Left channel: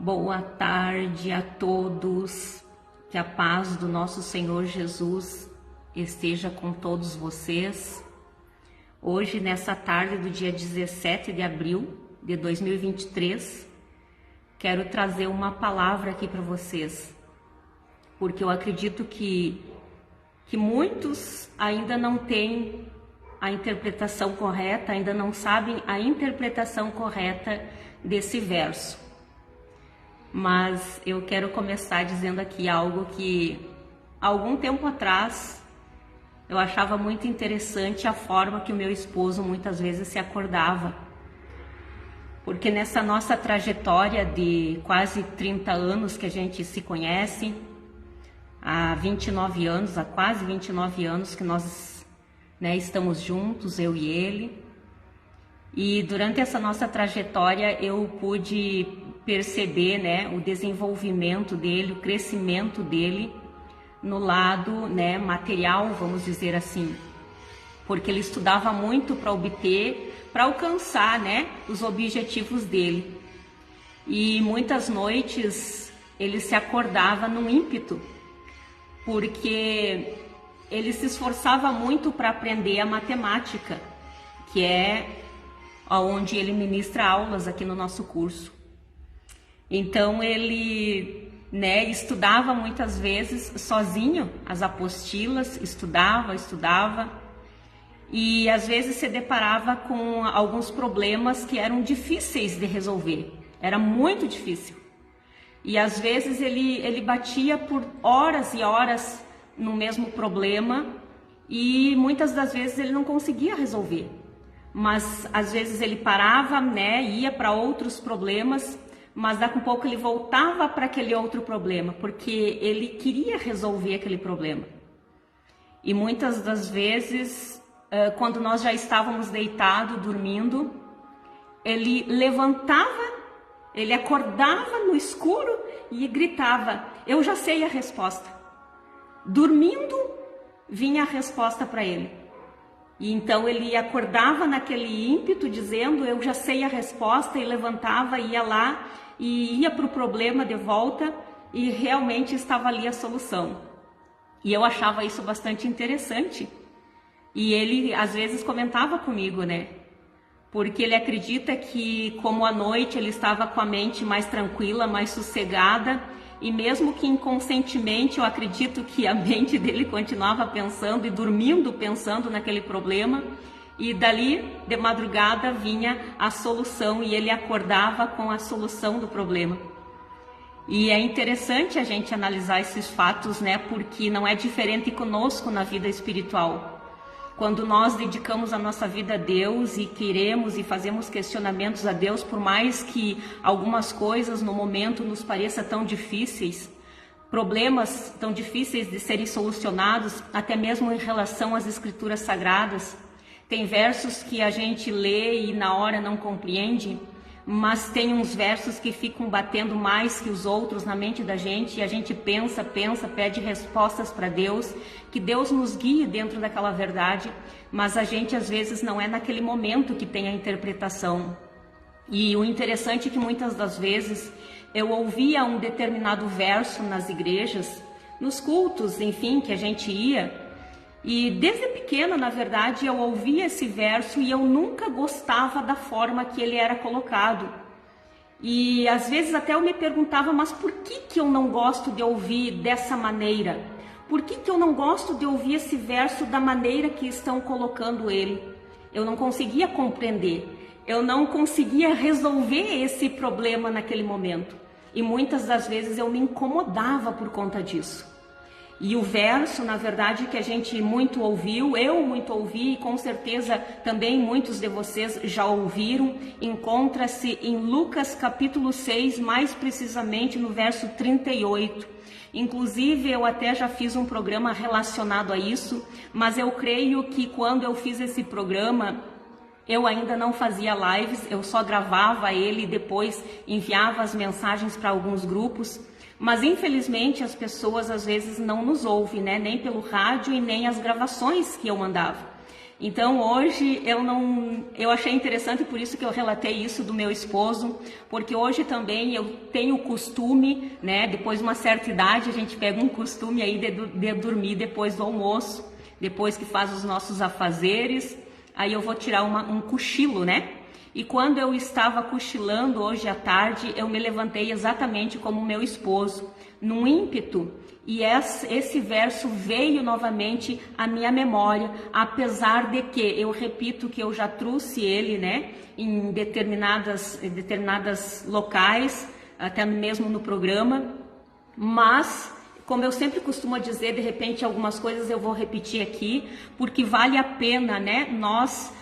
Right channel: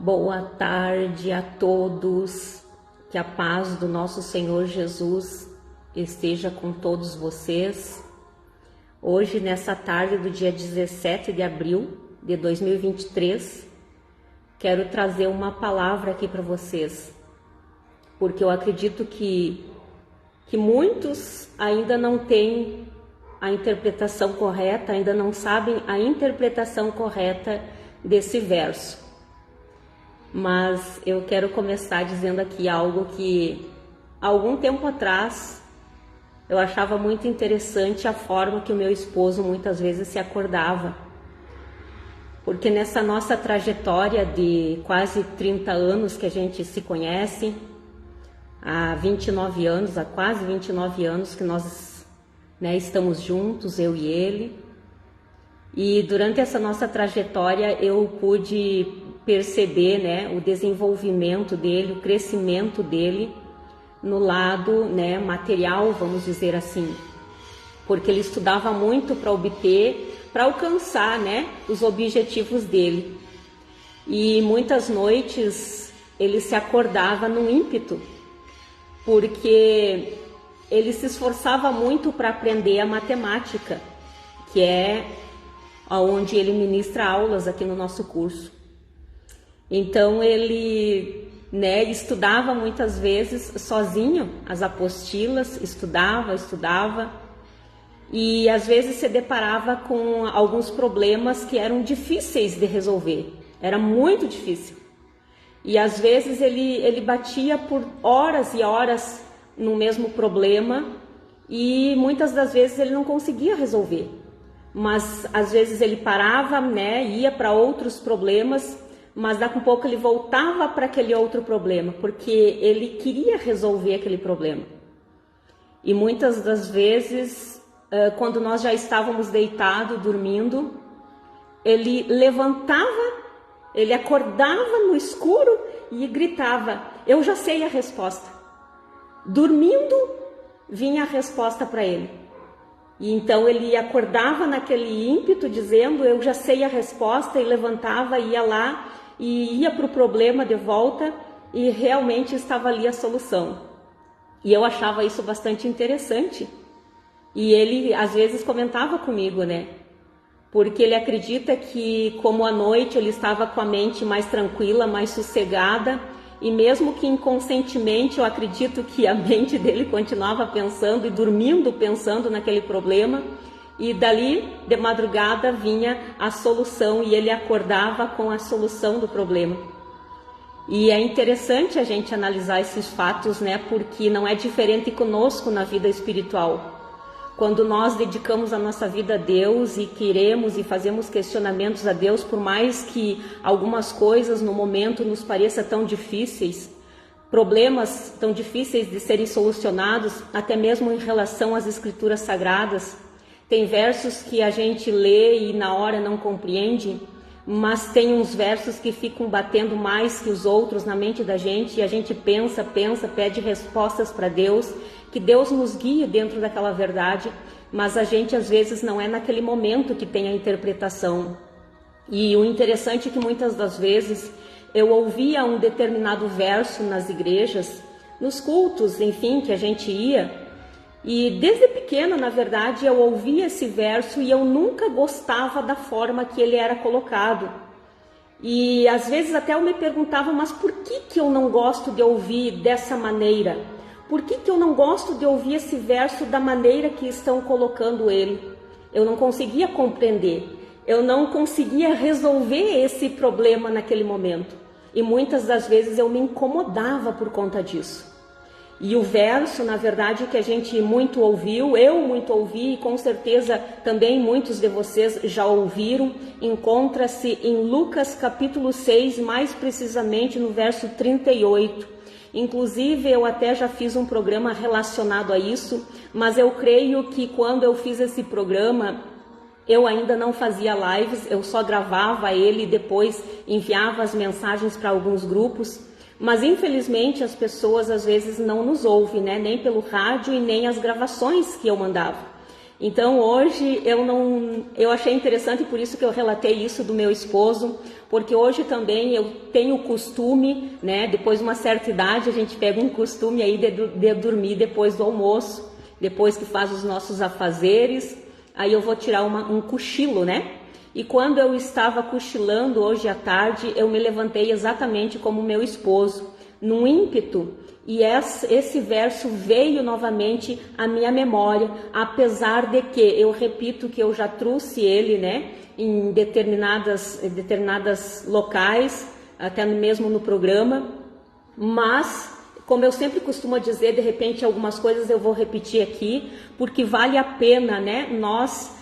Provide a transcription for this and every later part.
Boa tarde a todos, que a paz do nosso Senhor Jesus esteja com todos vocês. Hoje, nessa tarde do dia 17 de abril de 2023, quero trazer uma palavra aqui para vocês, porque eu acredito que muitos ainda não têm a interpretação correta, ainda não sabem a interpretação correta desse verso. Mas eu quero começar dizendo aqui algo que, algum tempo atrás, eu achava muito interessante a forma que o meu esposo muitas vezes se acordava. Porque nessa nossa trajetória de quase 30 anos que a gente se conhece, há 29 anos, há quase 29 anos que nós estamos juntos, eu e ele. E durante essa nossa trajetória eu pude perceber o desenvolvimento dele, o crescimento dele no lado material, vamos dizer assim. Porque ele estudava muito para alcançar os objetivos dele. E muitas noites ele se acordava no ímpeto, porque ele se esforçava muito para aprender a matemática, que é onde ele ministra aulas aqui no nosso curso. Então ele estudava muitas vezes sozinho as apostilas, estudava e às vezes se deparava com alguns problemas que eram difíceis de resolver, era muito difícil. E às vezes ele batia por horas e horas no mesmo problema e muitas das vezes ele não conseguia resolver. Mas às vezes ele parava, ia para outros problemas, mas daqui a pouco ele voltava para aquele outro problema, porque ele queria resolver aquele problema. E muitas das vezes, quando nós já estávamos deitados, dormindo, ele levantava, ele acordava no escuro e gritava: "Eu já sei a resposta". Dormindo, vinha a resposta para ele. E então ele acordava naquele ímpeto dizendo: "Eu já sei a resposta", e levantava, ia lá e ia para o problema de volta e realmente estava ali a solução. E eu achava isso bastante interessante. E ele às vezes comentava comigo, porque ele acredita que como à noite ele estava com a mente mais tranquila, mais sossegada, e mesmo que inconscientemente eu acredito que a mente dele continuava pensando e dormindo pensando naquele problema, e dali de madrugada vinha a solução e ele acordava com a solução do problema. E é interessante a gente analisar esses fatos, porque não é diferente conosco na vida espiritual. Quando nós dedicamos a nossa vida a Deus e queremos e fazemos questionamentos a Deus, por mais que algumas coisas no momento nos pareçam tão difíceis, problemas tão difíceis de serem solucionados, até mesmo em relação às escrituras sagradas. Tem versos que a gente lê e na hora não compreende, mas tem uns versos que ficam batendo mais que os outros na mente da gente, e a gente pensa, pede respostas para Deus, que Deus nos guie dentro daquela verdade, mas a gente às vezes não é naquele momento que tem a interpretação. E o interessante é que muitas das vezes eu ouvia um determinado verso nas igrejas, nos cultos, enfim, que a gente ia, e desde pequena, na verdade, eu ouvia esse verso e eu nunca gostava da forma que ele era colocado. E às vezes até eu me perguntava, mas por que eu não gosto de ouvir dessa maneira? Por que eu não gosto de ouvir esse verso da maneira que estão colocando ele? Eu não conseguia compreender, eu não conseguia resolver esse problema naquele momento. E muitas das vezes eu me incomodava por conta disso. E o verso, na verdade, que a gente muito ouviu, eu muito ouvi, e com certeza também muitos de vocês já ouviram, encontra-se em Lucas capítulo 6, mais precisamente no verso 38. Inclusive, eu até já fiz um programa relacionado a isso, mas eu creio que quando eu fiz esse programa, eu ainda não fazia lives, eu só gravava ele e depois enviava as mensagens para alguns grupos. Mas infelizmente as pessoas às vezes não nos ouvem, nem pelo rádio e nem as gravações que eu mandava. Então hoje eu achei interessante, por isso que eu relatei isso do meu esposo, porque hoje também eu tenho o costume, né, depois de uma certa idade a gente pega um costume aí de dormir depois do almoço, depois que faz os nossos afazeres, aí eu vou tirar um cochilo, né? E quando eu estava cochilando hoje à tarde, eu me levantei exatamente como meu esposo, num ímpeto, e esse verso veio novamente à minha memória, apesar de que, eu repito que eu já trouxe ele, né, em determinadas locais, até mesmo no programa, mas, como eu sempre costumo dizer, de repente algumas coisas eu vou repetir aqui, porque vale a pena, né, nós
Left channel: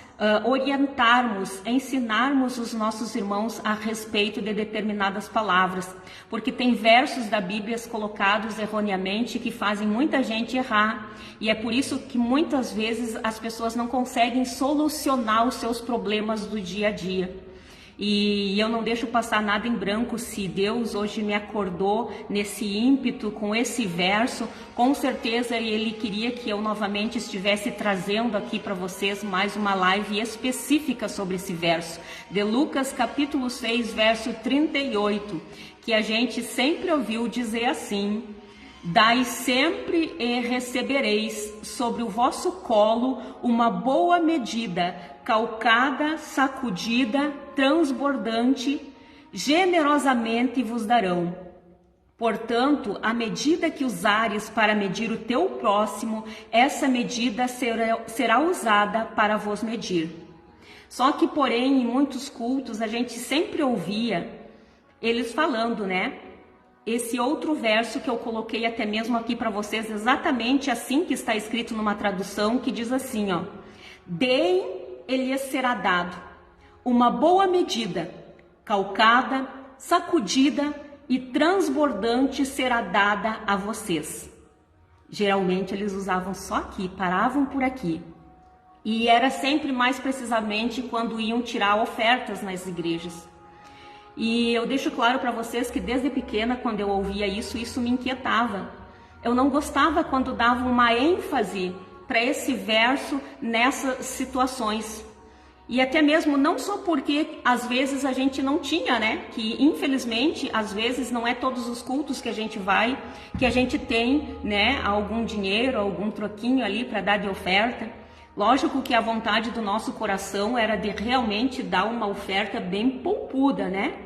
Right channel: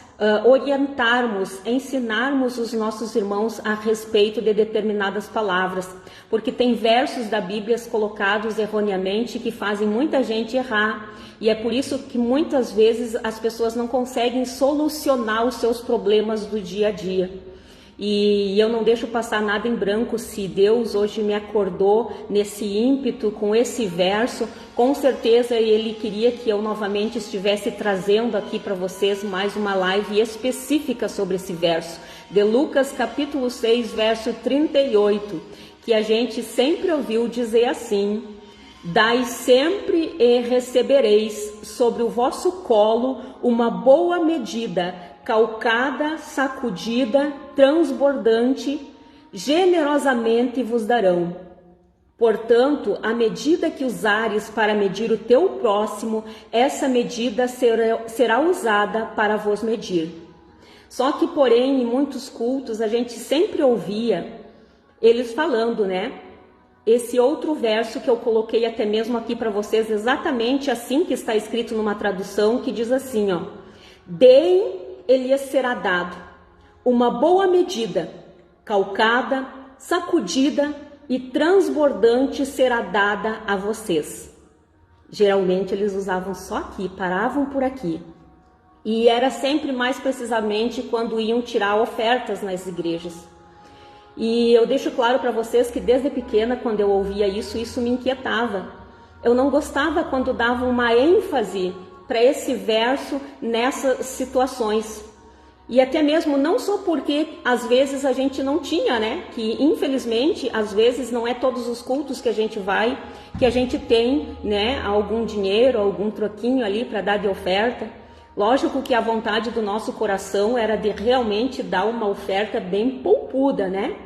orientarmos, ensinarmos os nossos irmãos a respeito de determinadas palavras, porque tem versos da Bíblia colocados erroneamente que fazem muita gente errar, e é por isso que muitas vezes as pessoas não conseguem solucionar os seus problemas do dia a dia. E eu não deixo passar nada em branco. Se Deus hoje me acordou nesse ímpeto com esse verso, com certeza Ele queria que eu novamente estivesse trazendo aqui para vocês mais uma live específica sobre esse verso, de Lucas capítulo 6, verso 38, que a gente sempre ouviu dizer assim: dai sempre e recebereis sobre o vosso colo uma boa medida, calcada, sacudida, transbordante, generosamente vos darão. Portanto, a medida que usares para medir o teu próximo, essa medida será usada para vos medir. Só que, porém, em muitos cultos a gente sempre ouvia eles falando, né? Esse outro verso que eu coloquei até mesmo aqui para vocês, exatamente assim que está escrito numa tradução, que diz assim, ó: deem, ele lhes será dado, uma boa medida, calcada, sacudida e transbordante será dada a vocês. Geralmente eles usavam só aqui, paravam por aqui. E era sempre mais precisamente quando iam tirar ofertas nas igrejas. E eu deixo claro para vocês que desde pequena, quando eu ouvia isso me inquietava. Eu não gostava quando davam uma ênfase para esse verso nessas situações. E até mesmo não só porque às vezes a gente não tinha, né? Que infelizmente às vezes não é todos os cultos que a gente vai, que a gente tem, né, algum dinheiro, algum troquinho ali para dar de oferta. Lógico que a vontade do nosso coração era de realmente dar uma oferta bem poupuda, né?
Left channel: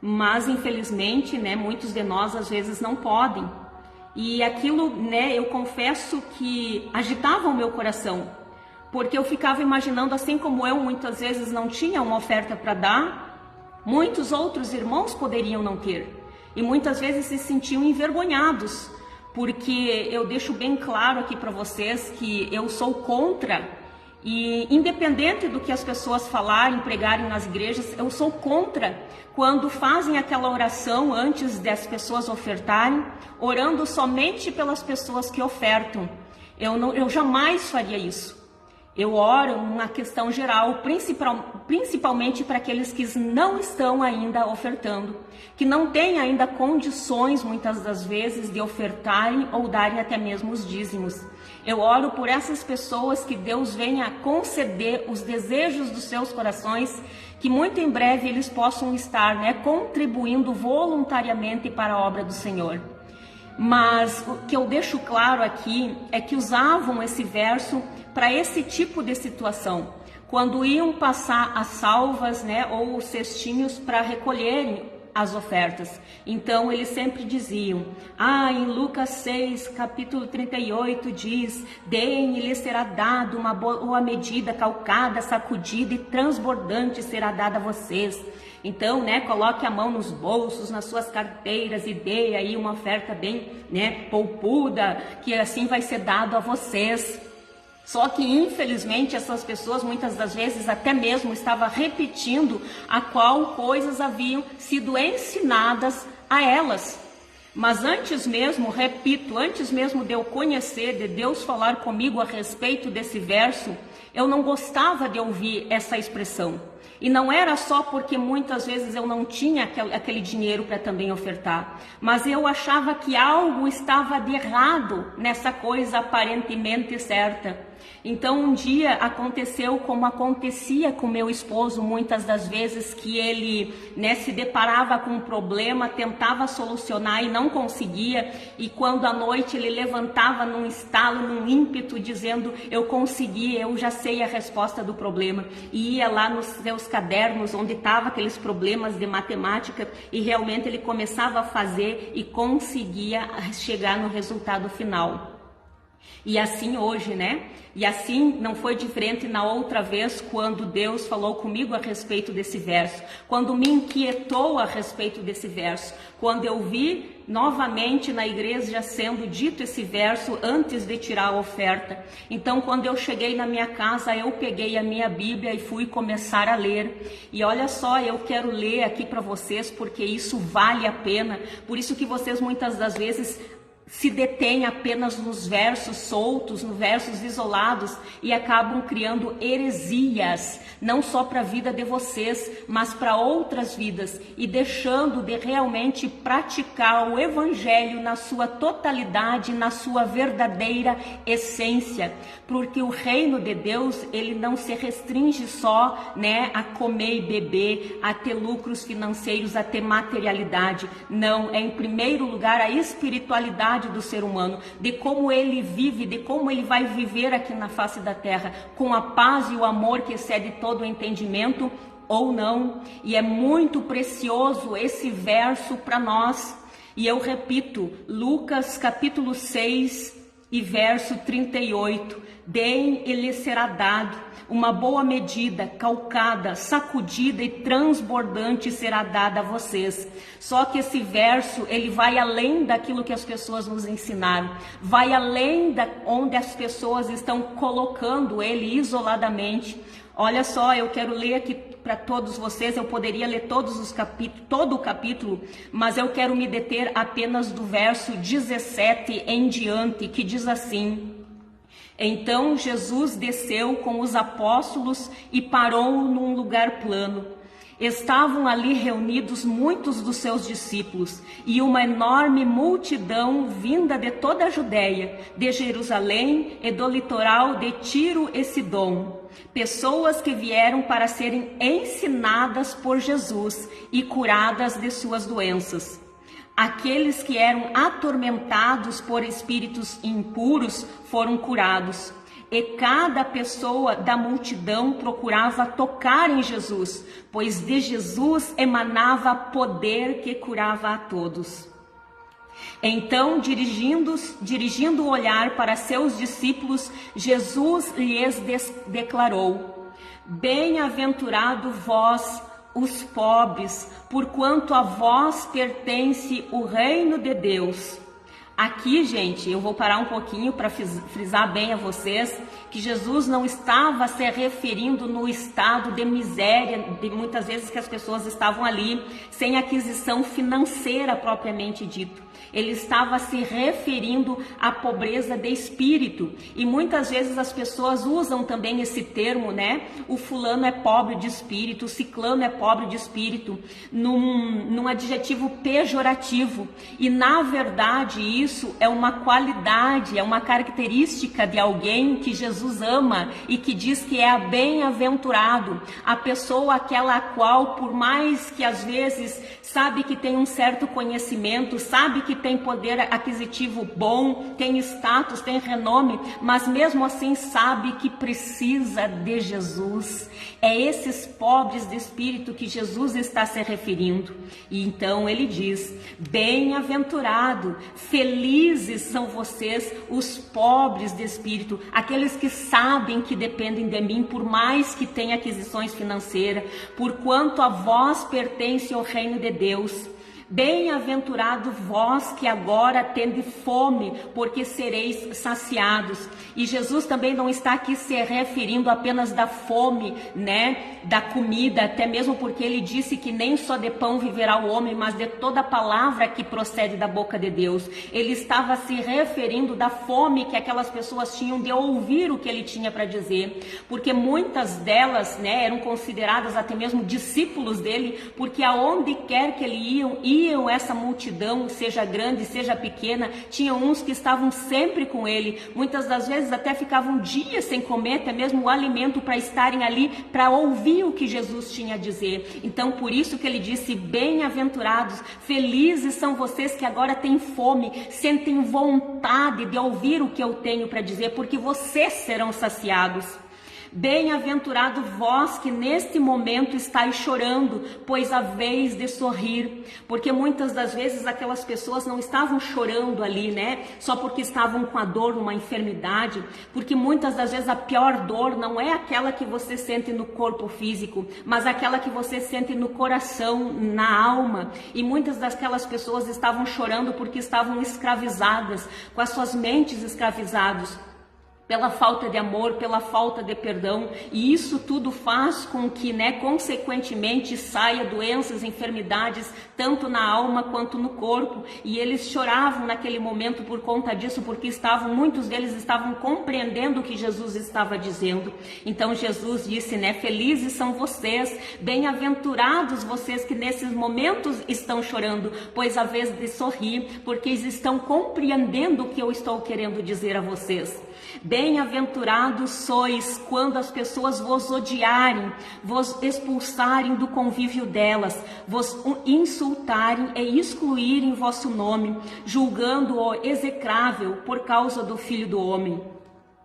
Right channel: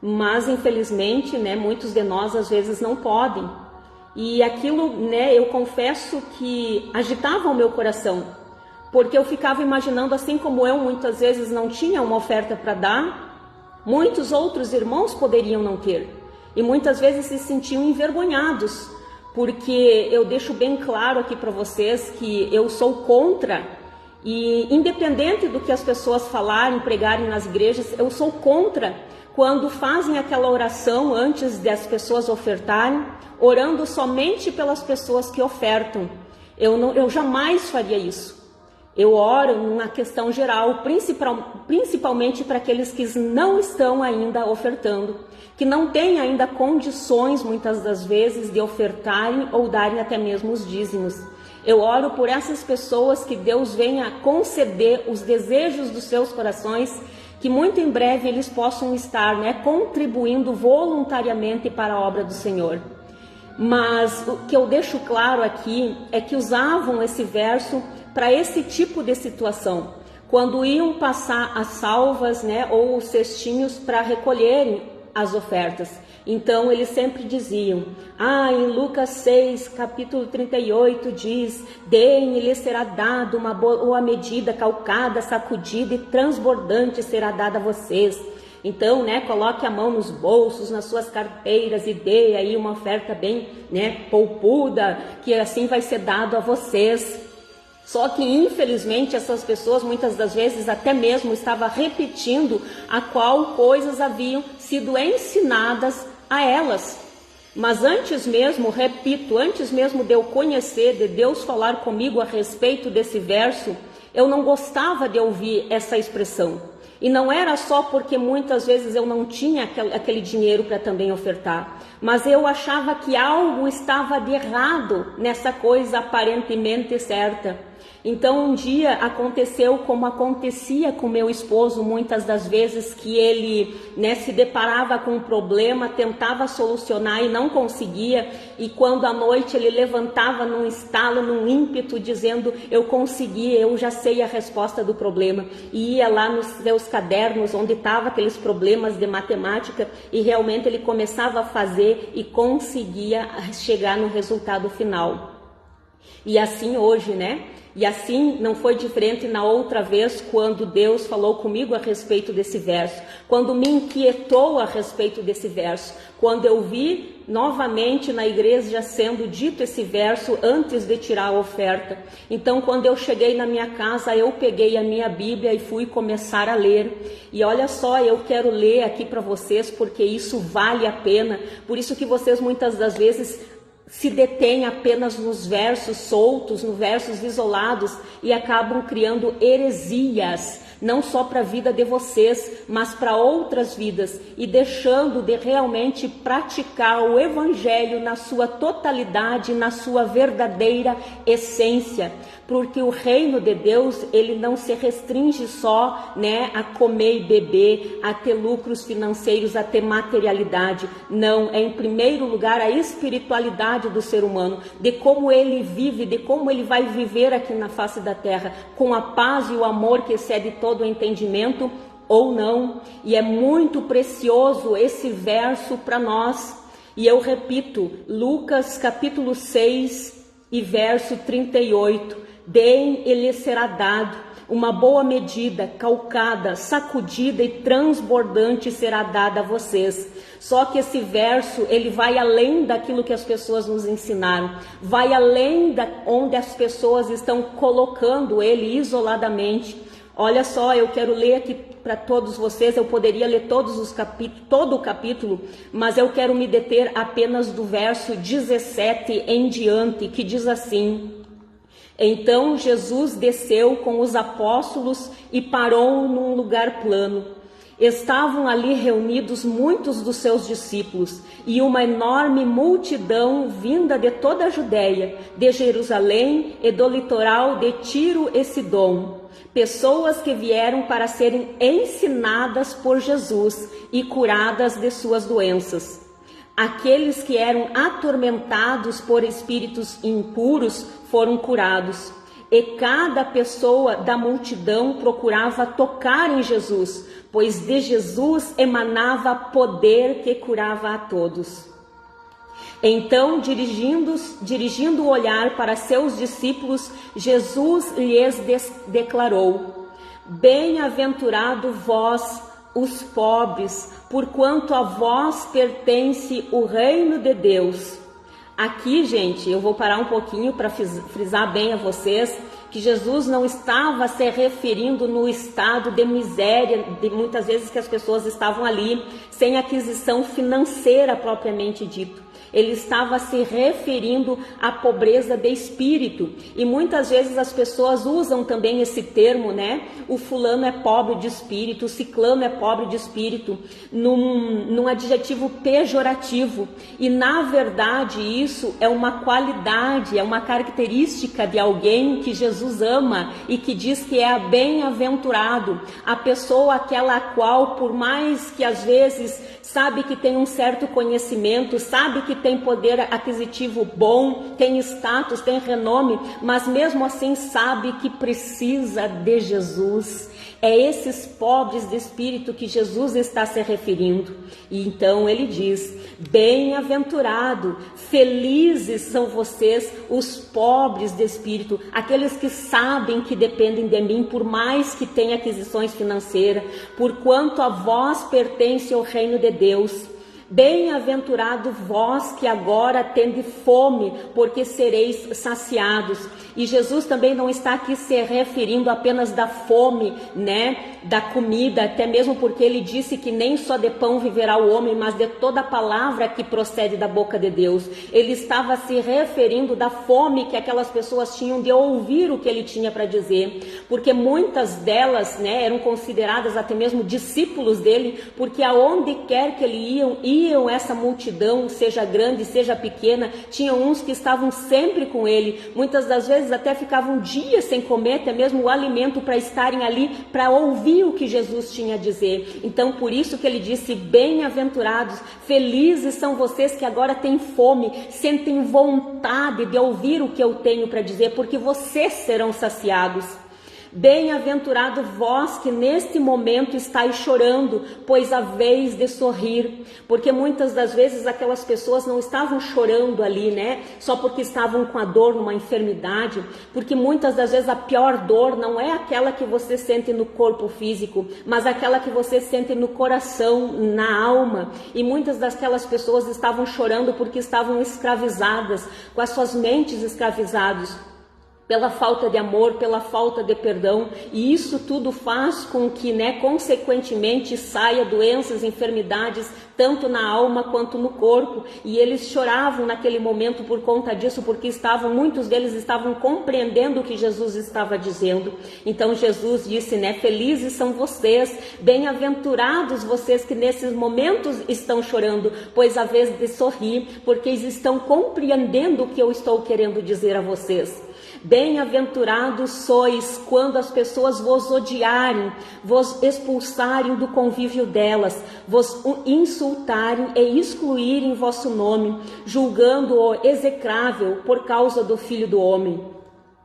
Mas infelizmente, né, muitos de nós às vezes não podem. E aquilo, né, eu confesso que agitava o meu coração, porque eu ficava imaginando, assim como eu muitas vezes não tinha uma oferta para dar, muitos outros irmãos poderiam não ter. E muitas vezes se sentiam envergonhados, porque eu deixo bem claro aqui para vocês que eu sou contra, e independente do que as pessoas falarem, pregarem nas igrejas, eu sou contra quando fazem aquela oração antes das pessoas ofertarem, orando somente pelas pessoas que ofertam. Eu jamais faria isso. Eu oro numa questão geral, principalmente para aqueles que não estão ainda ofertando, que não têm ainda condições, muitas das vezes, de ofertarem ou darem até mesmo os dízimos. Eu oro por essas pessoas, que Deus venha conceder os desejos dos seus corações, que muito em breve eles possam estar, né, contribuindo voluntariamente para a obra do Senhor. Mas o que eu deixo claro aqui é que usavam esse verso para esse tipo de situação, quando iam passar as salvas, né, ou os cestinhos para recolherem as ofertas. Então eles sempre diziam, em Lucas 6, capítulo 38 diz, deem e lhes será dado uma boa medida, calcada, sacudida e transbordante será dada a vocês. Então, né, coloque a mão nos bolsos, nas suas carteiras e dê aí uma oferta bem, né, poupuda, que assim vai ser dado a vocês. Só que, infelizmente, essas pessoas muitas das vezes até mesmo estavam repetindo a qual coisas haviam sido ensinadas a elas. Mas antes mesmo, repito, antes mesmo de eu conhecer, de Deus falar comigo a respeito desse verso, eu não gostava de ouvir essa expressão. E não era só porque muitas vezes eu não tinha aquele dinheiro para também ofertar, mas eu achava que algo estava de errado nessa coisa aparentemente certa. Então um dia aconteceu como acontecia com meu esposo muitas das vezes, que ele, né, se deparava com um problema, tentava solucionar e não conseguia, e quando à noite ele levantava num estalo, num ímpeto, dizendo: eu consegui, eu já sei a resposta do problema, e ia lá nos seus cadernos onde estavam aqueles problemas de matemática, e realmente ele começava a fazer e conseguia chegar no resultado final. E assim hoje, né? E assim não foi diferente na outra vez, quando Deus falou comigo a respeito desse verso, quando me inquietou a respeito desse verso, quando eu vi novamente na igreja sendo dito esse verso antes de tirar a oferta. Então, quando eu cheguei na minha casa, eu peguei a minha Bíblia e fui começar a ler. E olha só, eu quero ler aqui para vocês, porque isso vale a pena. Por isso que vocês muitas das vezes se detêm apenas nos versos soltos, nos versos isolados, e acabam criando heresias, não só para a vida de vocês, mas para outras vidas, e deixando de realmente praticar o Evangelho na sua totalidade, na sua verdadeira essência. Porque o reino de Deus, ele não se restringe só, né, a comer e beber, a ter lucros financeiros, a ter materialidade. Não, é em primeiro lugar a espiritualidade do ser humano, de como ele vive, de como ele vai viver aqui na face da terra, com a paz e o amor que excede todo o entendimento, ou não. E é muito precioso esse verso para nós. E eu repito, Lucas capítulo 6 e verso 38. Deem e lhes será dado, uma boa medida, calcada, sacudida e transbordante será dada a vocês. Só que esse verso, ele vai além daquilo que as pessoas nos ensinaram, vai além da onde as pessoas estão colocando ele isoladamente. Olha só, eu quero ler aqui para todos vocês, eu poderia ler todo o capítulo, mas eu quero me deter apenas do verso 17 em diante, que diz assim: então Jesus desceu com os apóstolos e parou num lugar plano. Estavam ali reunidos muitos dos seus discípulos e uma enorme multidão vinda de toda a Judéia, de Jerusalém e do litoral de Tiro e Sidom. Pessoas que vieram para serem ensinadas por Jesus e curadas de suas doenças. Aqueles que eram atormentados por espíritos impuros foram curados. E cada pessoa da multidão procurava tocar em Jesus, pois de Jesus emanava poder que curava a todos. Então, dirigindo o olhar para seus discípulos, Jesus lhes declarou: bem-aventurado vós, os pobres, porquanto a vós pertence o reino de Deus. Aqui, gente, eu vou parar um pouquinho para frisar bem a vocês que Jesus não estava se referindo no estado de miséria, de muitas vezes que as pessoas estavam ali sem aquisição financeira propriamente dito. Ele estava se referindo à pobreza de espírito. E muitas vezes as pessoas usam também esse termo, né? O fulano é pobre de espírito, o ciclano é pobre de espírito, num adjetivo pejorativo. E na verdade isso é uma qualidade, é uma característica de alguém que Jesus ama e que diz que é bem-aventurado. A pessoa aquela a qual, por mais que às vezes sabe que tem um certo conhecimento, sabe que tem poder aquisitivo bom, tem status, tem renome, mas mesmo assim sabe que precisa de Jesus. É esses pobres de espírito que Jesus está se referindo. E então ele diz: bem-aventurado, felizes são vocês, os pobres de espírito, aqueles que sabem que dependem de mim, por mais que tenham aquisições financeiras, porquanto a vós pertence o reino de Deus. Bem-aventurado vós que agora tendes fome, porque sereis saciados. E Jesus também não está aqui se referindo apenas da fome, né, da comida, até mesmo porque ele disse que nem só de pão viverá o homem, mas de toda palavra que procede da boca de Deus. Ele estava se referindo da fome que aquelas pessoas tinham de ouvir o que ele tinha para dizer, porque muitas delas, né, eram consideradas até mesmo discípulos dele, porque aonde quer que eles viam essa multidão, seja grande, seja pequena, tinha uns que estavam sempre com ele, muitas das vezes até ficavam dias sem comer, até mesmo o alimento para estarem ali, para ouvir o que Jesus tinha a dizer. Então por isso que ele disse, bem-aventurados, felizes são vocês que agora têm fome, sentem vontade de ouvir o que eu tenho para dizer, porque vocês serão saciados. Bem-aventurado vós que neste momento estáis chorando, pois haveis de sorrir. Porque muitas das vezes aquelas pessoas não estavam chorando ali, né? Só porque estavam com a dor numa enfermidade. Porque muitas das vezes a pior dor não é aquela que você sente no corpo físico, mas aquela que você sente no coração, na alma. E muitas daquelas pessoas estavam chorando porque estavam escravizadas, com as suas mentes escravizadas, pela falta de amor, pela falta de perdão, e isso tudo faz com que, consequentemente, saia doenças, enfermidades, tanto na alma quanto no corpo, e eles choravam naquele momento por conta disso, porque muitos deles estavam compreendendo o que Jesus estava dizendo. Então Jesus disse, felizes são vocês, bem-aventurados vocês que nesses momentos estão chorando, pois a vez de sorrir, porque eles estão compreendendo o que eu estou querendo dizer a vocês. Bem-aventurados sois quando as pessoas vos odiarem, vos expulsarem do convívio delas, vos insultarem e excluírem vosso nome, julgando-o execrável por causa do Filho do Homem.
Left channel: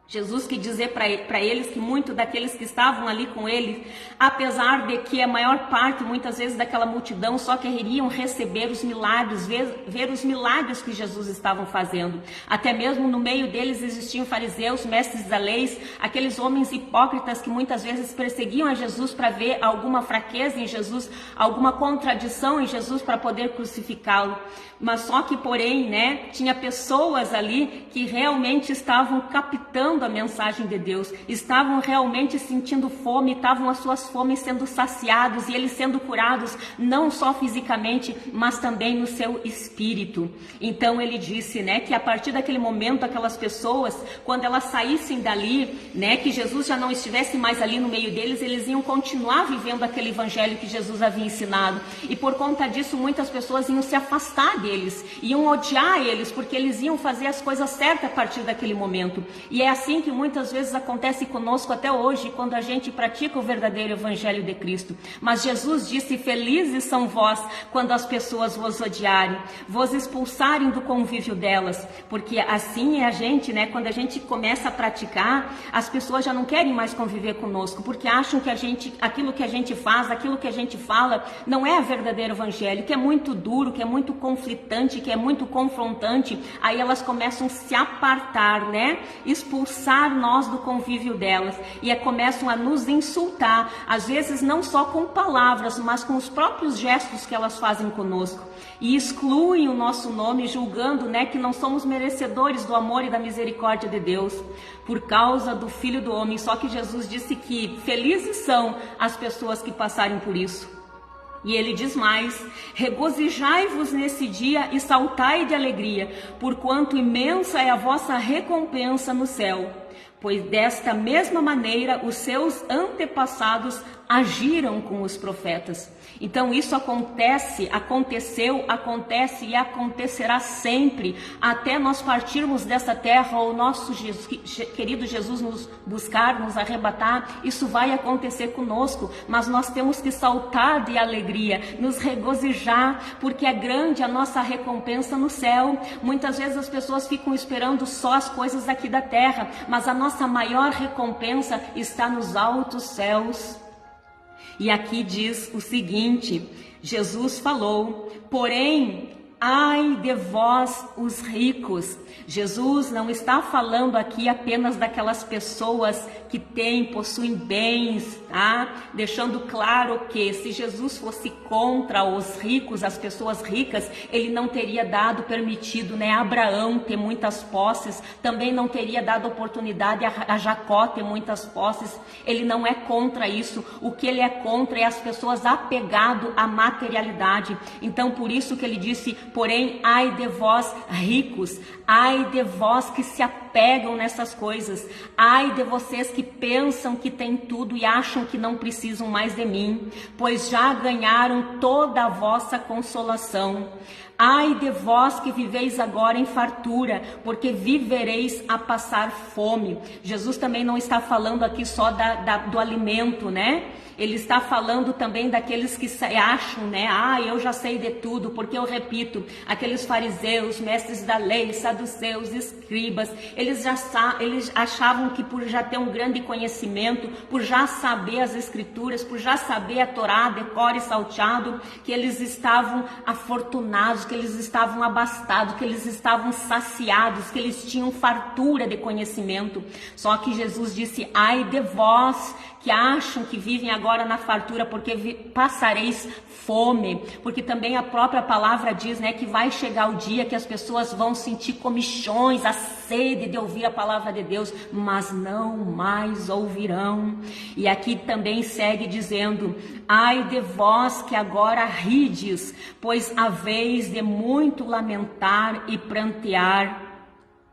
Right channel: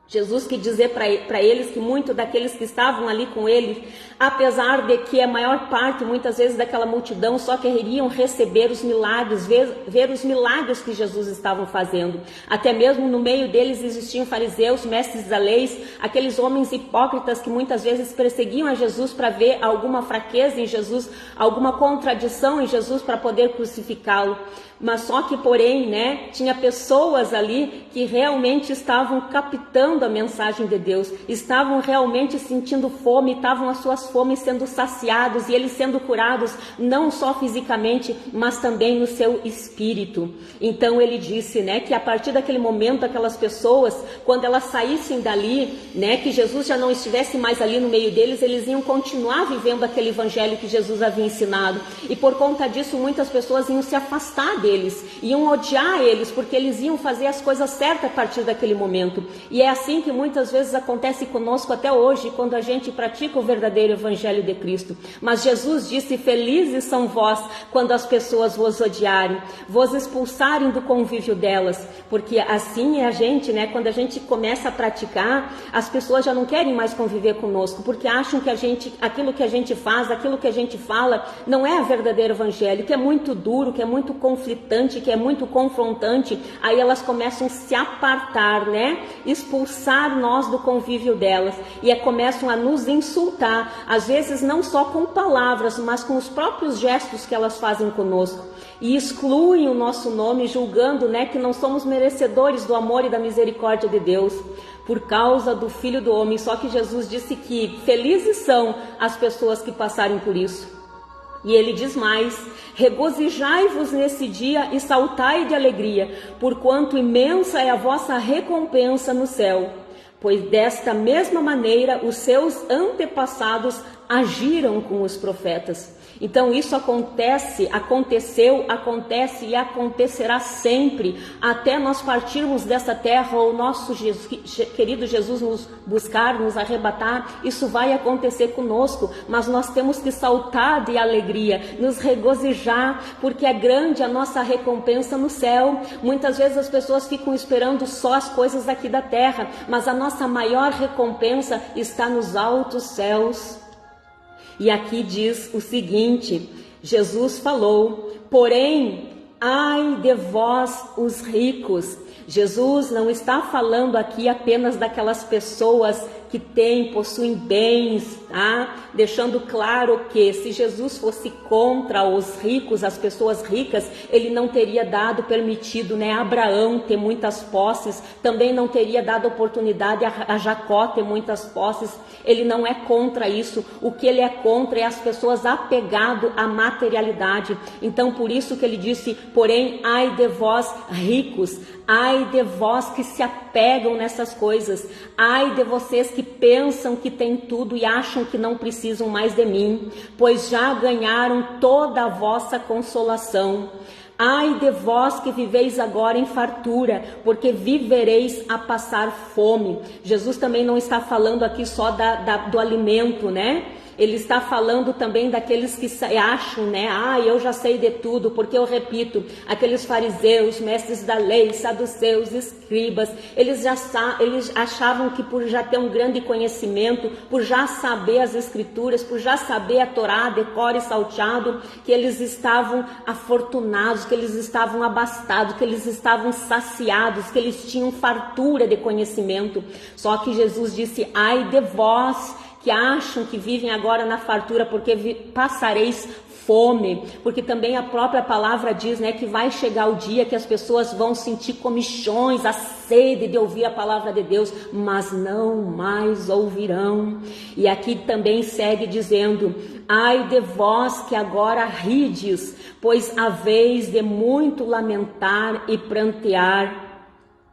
Jesus quis dizer para eles que muitos daqueles que estavam ali com ele, apesar de que a maior parte, muitas vezes, daquela multidão só queriam receber os milagres, ver os milagres que Jesus estava fazendo. Até mesmo no meio deles existiam fariseus, mestres da lei, aqueles homens hipócritas que muitas vezes perseguiam a Jesus para ver alguma fraqueza em Jesus, alguma contradição em Jesus para poder crucificá-lo. Mas só que, porém, tinha pessoas ali que realmente estavam captando a mensagem de Deus, estavam realmente sentindo fome, estavam as suas fomes sendo saciados e eles sendo curados, não só fisicamente, mas também no seu espírito. Então ele disse, que a partir daquele momento, aquelas pessoas, quando elas saíssem dali, que Jesus já não estivesse mais ali no meio deles, eles iam continuar vivendo aquele evangelho que Jesus havia ensinado. E por conta disso, muitas pessoas iam se afastar deles, iam odiar eles, porque eles iam fazer as coisas certas a partir daquele momento. E é assim que muitas vezes acontece conosco até hoje, quando a gente pratica o verdadeiro evangelho de Cristo. Mas Jesus disse, felizes são vós quando as pessoas vos odiarem, vos expulsarem do convívio delas, porque assim é a gente, quando a gente começa a praticar, as pessoas já não querem mais conviver conosco, porque acham que aquilo que a gente faz, aquilo que a gente fala, não é o verdadeiro evangelho, que é muito duro, que é muito conflitante, que é muito confrontante. Aí elas começam a se apartar, expulsar nós do convívio delas, e começam a nos insultar, às vezes não só com palavras, mas com os próprios gestos que elas fazem conosco, e excluem o nosso nome, julgando, que não somos merecedores do amor e da misericórdia de Deus, por causa do Filho do Homem. Só que Jesus disse que felizes são as pessoas que passarem por isso. E ele diz mais, regozijai-vos nesse dia e saltai de alegria, porquanto imensa é a vossa recompensa no céu. Pois desta mesma maneira os seus antepassados agiram com os profetas. Então isso aconteceu, acontece e acontecerá sempre, até nós partirmos dessa terra, ou nosso querido Jesus nos buscar, nos arrebatar. Isso vai acontecer conosco, mas nós temos que saltar de alegria, nos regozijar, porque é grande a nossa recompensa no céu. Muitas vezes as pessoas ficam esperando só as coisas aqui da terra, mas a nossa maior recompensa está nos altos céus. E aqui diz o seguinte, Jesus falou, porém, ai de vós os ricos. Jesus não está falando aqui apenas daquelas pessoas que possuem bens, deixando claro que se Jesus fosse contra os ricos, as pessoas ricas, ele não teria permitido, a Abraão ter muitas posses, também não teria dado oportunidade a Jacó ter muitas posses. Ele não é contra isso, o que ele é contra é as pessoas apegadas à materialidade. Então por isso que ele disse, Porém, ai de vós ricos, ai de vós que se apegam nessas coisas, ai de vocês que pensam que têm tudo e acham que não precisam mais de mim, pois já ganharam toda a vossa consolação. Ai de vós que viveis agora em fartura, porque vivereis a passar fome. Jesus também não está falando aqui só do alimento, né? Ele está falando também daqueles que acham, né? Eu já sei de tudo, porque eu repito, aqueles fariseus, mestres da lei, saduceus, escribas, eles achavam que por já ter um grande conhecimento, por já saber as escrituras, por já saber a Torá, decore e salteado, que eles estavam afortunados, que eles estavam abastados, que eles estavam saciados, que eles tinham fartura de conhecimento. Só que Jesus disse, ai de vós, que acham que vivem agora na fartura, porque passareis fome, porque também a própria palavra diz, né, que vai chegar o dia que as pessoas vão sentir comichões, a sede de ouvir a palavra de Deus, mas não mais ouvirão. E aqui também segue dizendo, ai de vós que agora rides, pois haveis de muito lamentar e prantear.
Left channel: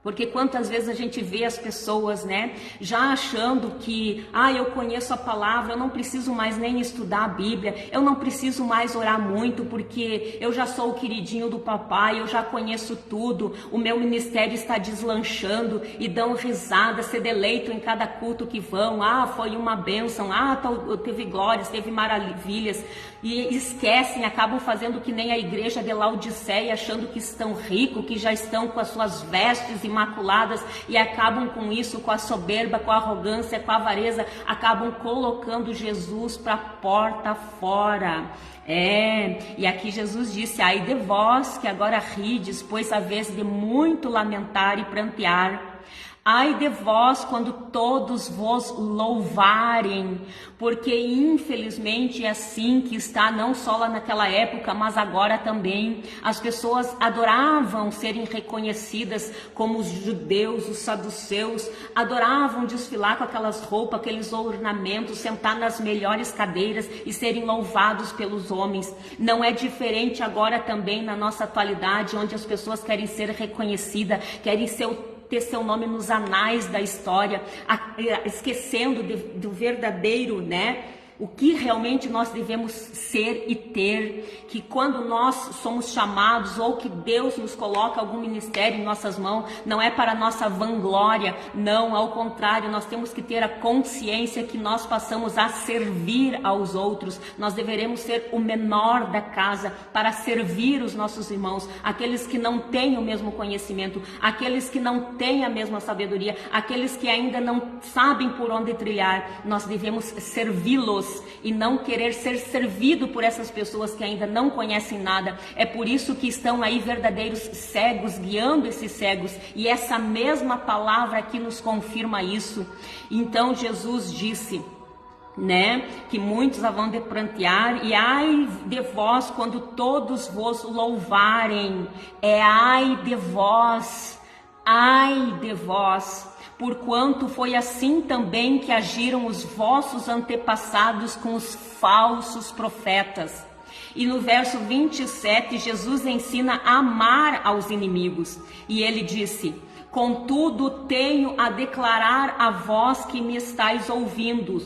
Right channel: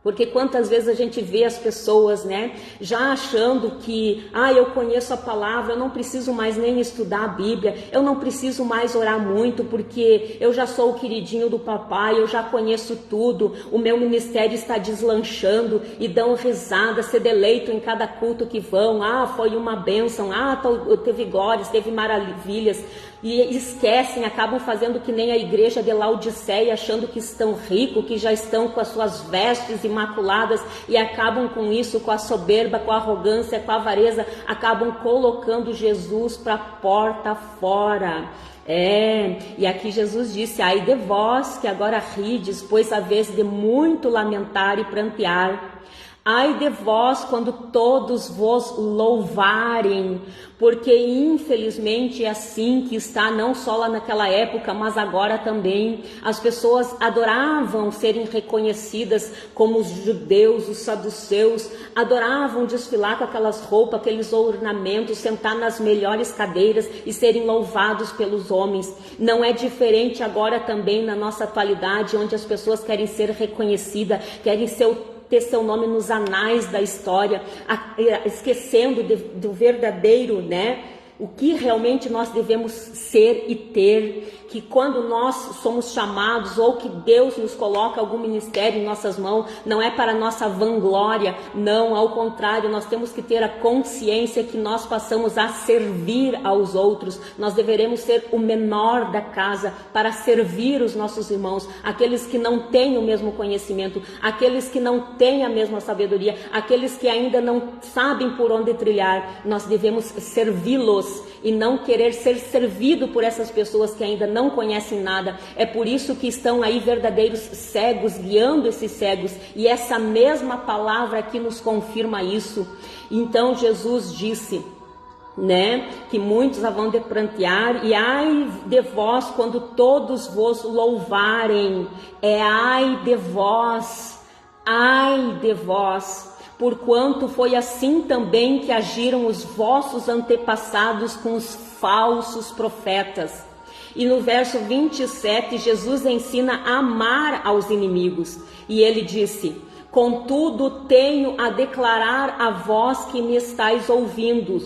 Porque quantas vezes a gente vê as pessoas, né, já achando que, eu conheço a palavra, eu não preciso mais nem estudar a Bíblia, eu não preciso mais orar muito, porque eu já sou o queridinho do papai, eu já conheço tudo, o meu ministério está deslanchando, e dão risada, se deleitam em cada culto que vão, foi uma bênção, teve glórias, teve maravilhas, e esquecem, acabam fazendo que nem a igreja de Laodiceia, achando que estão ricos, que já estão com as suas vestes imaculadas, e acabam com isso, com a soberba, com a arrogância, com a avareza, acabam colocando Jesus para a porta fora. E aqui Jesus disse, ai de vós que agora rides, pois haveis de muito lamentar e prantear. Ai de vós quando todos vos louvarem, porque infelizmente é assim que está, não só lá naquela época, mas agora também. As pessoas adoravam serem reconhecidas como os judeus, os saduceus, adoravam desfilar com aquelas roupas, aqueles ornamentos, sentar nas melhores cadeiras e serem louvados pelos homens. Não é diferente agora também na nossa atualidade, onde as pessoas querem ser reconhecidas, querem ter seu nome nos anais da história, esquecendo do verdadeiro, né? O que realmente nós devemos ser e ter, que quando nós somos chamados ou que Deus nos coloca algum ministério em nossas mãos, não é para nossa vanglória, não, ao contrário, nós temos que ter a consciência que nós passamos a servir aos outros, nós deveremos ser o menor da casa para servir os nossos irmãos, aqueles que não têm o mesmo conhecimento, aqueles que não têm a mesma sabedoria, aqueles que ainda não sabem por onde trilhar, nós devemos servi-los e não querer ser servido por essas pessoas que ainda não conhecem nada. É por isso que estão aí verdadeiros cegos, guiando esses cegos, e essa mesma palavra aqui nos confirma isso. Então Jesus disse, né, que muitos vão de prantear, e ai de vós quando todos vos louvarem, ai de vós, porquanto foi assim também que agiram os vossos antepassados com os falsos profetas. E no verso 27, Jesus ensina a amar aos inimigos. E ele disse, contudo tenho a declarar a vós que me estáis ouvindo,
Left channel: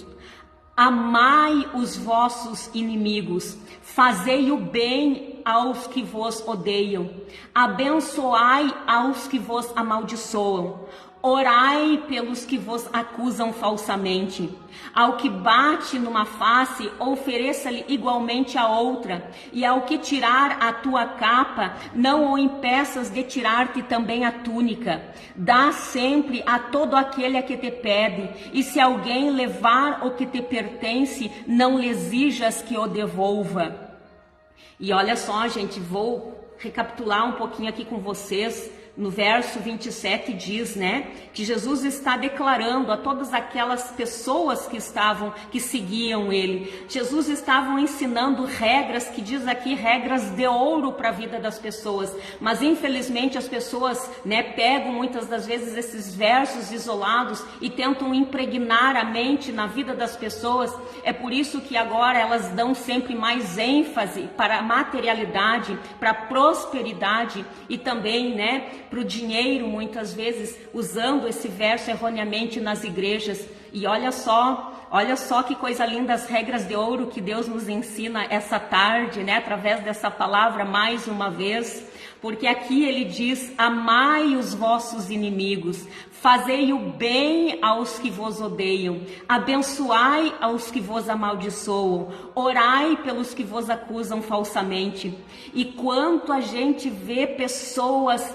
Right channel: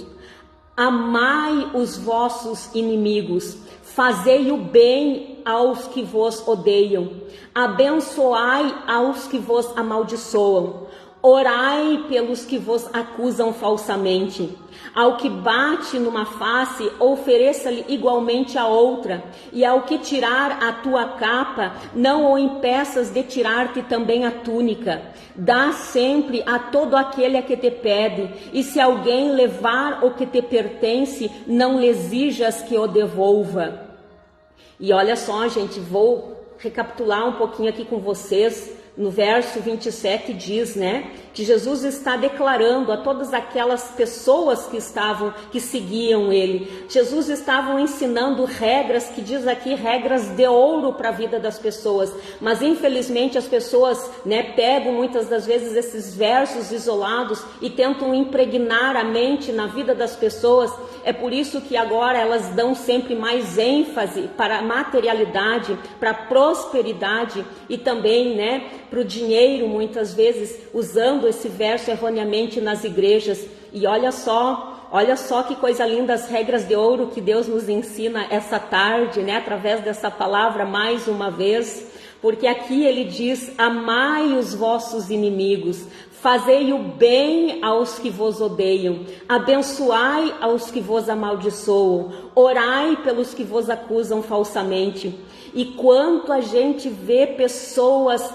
amai os vossos inimigos, fazei o bem aos que vos odeiam, abençoai aos que vos amaldiçoam, orai pelos que vos acusam falsamente. Ao que bate numa face, ofereça-lhe igualmente a outra. E ao que tirar a tua capa, não o impeças de tirar-te também a túnica. Dá sempre a todo aquele a que te pede. E se alguém levar o que te pertence, não lhe exijas que o devolva. E olha só, gente, vou recapitular um pouquinho aqui com vocês. No verso 27 diz, né, que Jesus está declarando a todas aquelas pessoas que seguiam ele. Jesus estava ensinando regras, que diz aqui, regras de ouro para a vida das pessoas, mas infelizmente as pessoas, pegam muitas das vezes esses versos isolados e tentam impregnar a mente na vida das pessoas. É por isso que agora elas dão sempre mais ênfase para a materialidade, para a prosperidade e também, para o dinheiro, muitas vezes usando esse verso erroneamente nas igrejas. E olha só que coisa linda, as regras de ouro que Deus nos ensina essa tarde, através dessa palavra mais uma vez, porque aqui ele diz: amai os vossos inimigos, fazei o bem aos que vos odeiam, abençoai aos que vos amaldiçoam, orai pelos que vos acusam falsamente. E quanto a gente vê pessoas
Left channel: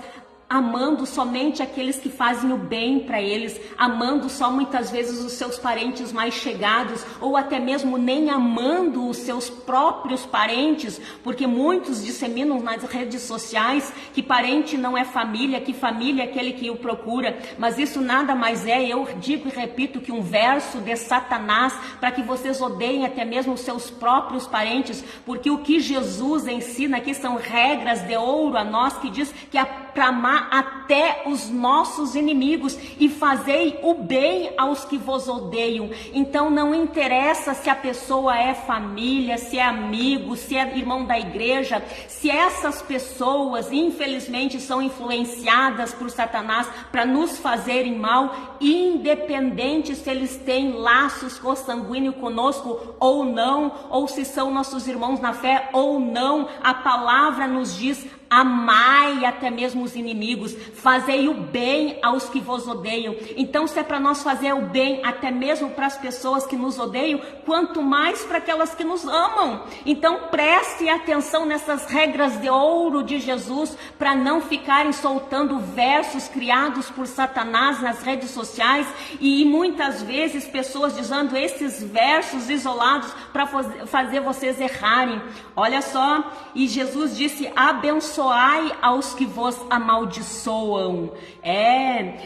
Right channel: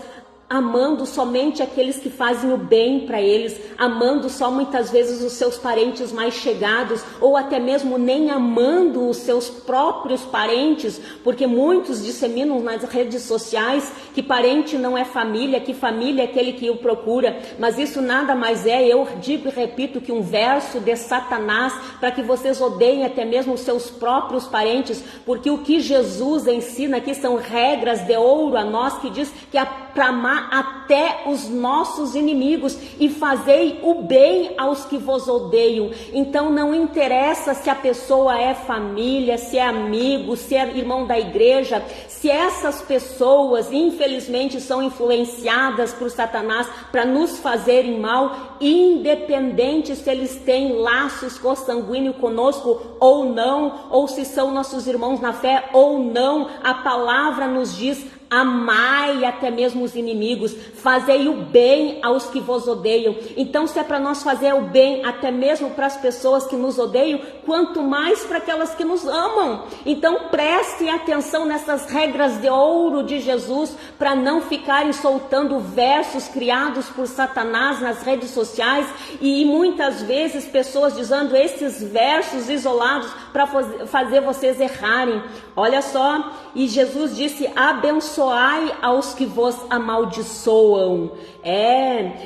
amando somente aqueles que fazem o bem para eles, amando só muitas vezes os seus parentes mais chegados, ou até mesmo nem amando os seus próprios parentes, porque muitos disseminam nas redes sociais que parente não é família, que família é aquele que o procura, mas isso nada mais é, eu digo e repito, que um verso de Satanás, para que vocês odeiem até mesmo os seus próprios parentes, porque o que Jesus ensina aqui são regras de ouro a nós, que diz que é para amar até os nossos inimigos e fazei o bem aos que vos odeiam. Então não interessa se a pessoa é família, se é amigo, se é irmão da igreja, se essas pessoas infelizmente são influenciadas por Satanás para nos fazerem mal, independente se eles têm laços consanguíneos conosco ou não, ou se são nossos irmãos na fé ou não, a palavra nos diz: amai até mesmo os inimigos, fazei o bem aos que vos odeiam. Então, se é para nós fazer o bem até mesmo para as pessoas que nos odeiam, quanto mais para aquelas que nos amam. Então, preste atenção nessas regras de ouro de Jesus, para não ficarem soltando versos criados por Satanás nas redes sociais, e muitas vezes pessoas dizendo esses versos isolados para fazer vocês errarem. Olha só, e Jesus disse: abençoai aos que vos amaldiçoam.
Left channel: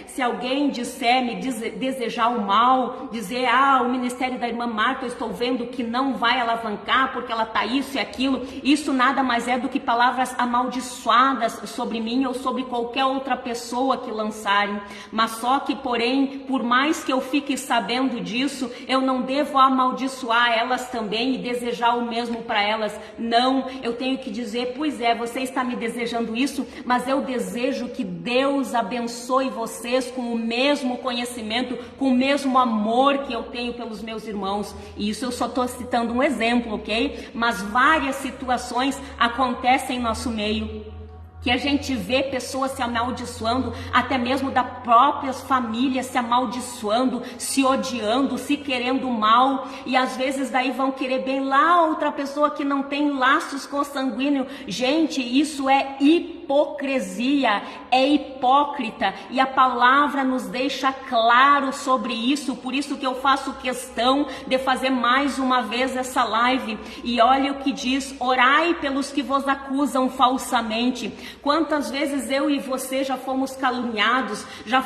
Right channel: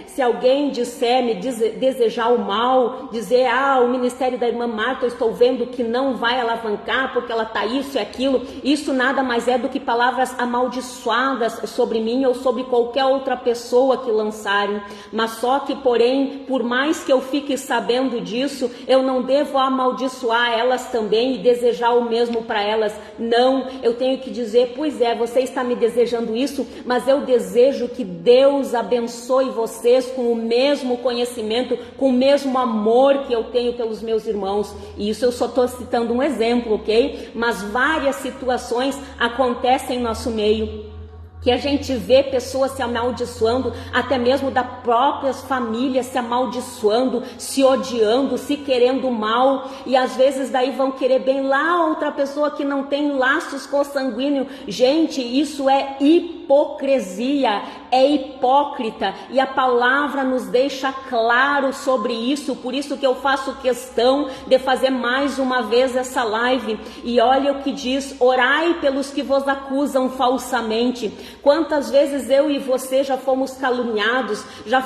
Se alguém disser, me desejar o mal, dizer: o ministério da irmã Marta, eu estou vendo que não vai alavancar porque ela está isso e aquilo, isso nada mais é do que palavras amaldiçoadas sobre mim ou sobre qualquer outra pessoa que lançarem. Mas só que, porém, por mais que eu fique sabendo disso, eu não devo amaldiçoar elas também e desejar o mesmo para elas. Não, eu tenho que dizer: pois é, você está me desejando isso, mas eu desejo que Deus abençoe vocês com o mesmo conhecimento, com o mesmo amor que eu tenho pelos meus irmãos. E isso eu só estou citando um exemplo, ok? Mas várias situações acontecem em nosso meio, que a gente vê pessoas se amaldiçoando, até mesmo da própria família se amaldiçoando, se odiando, se querendo mal, e às vezes daí vão querer bem lá outra pessoa que não tem laços consanguíneos. Gente, isso é hipocrisia, é hipócrita, e a palavra nos deixa claro sobre isso. Por isso que eu faço questão de fazer mais uma vez essa live. E olha o que diz: orai pelos que vos acusam falsamente. Quantas vezes eu e você já fomos caluniados, já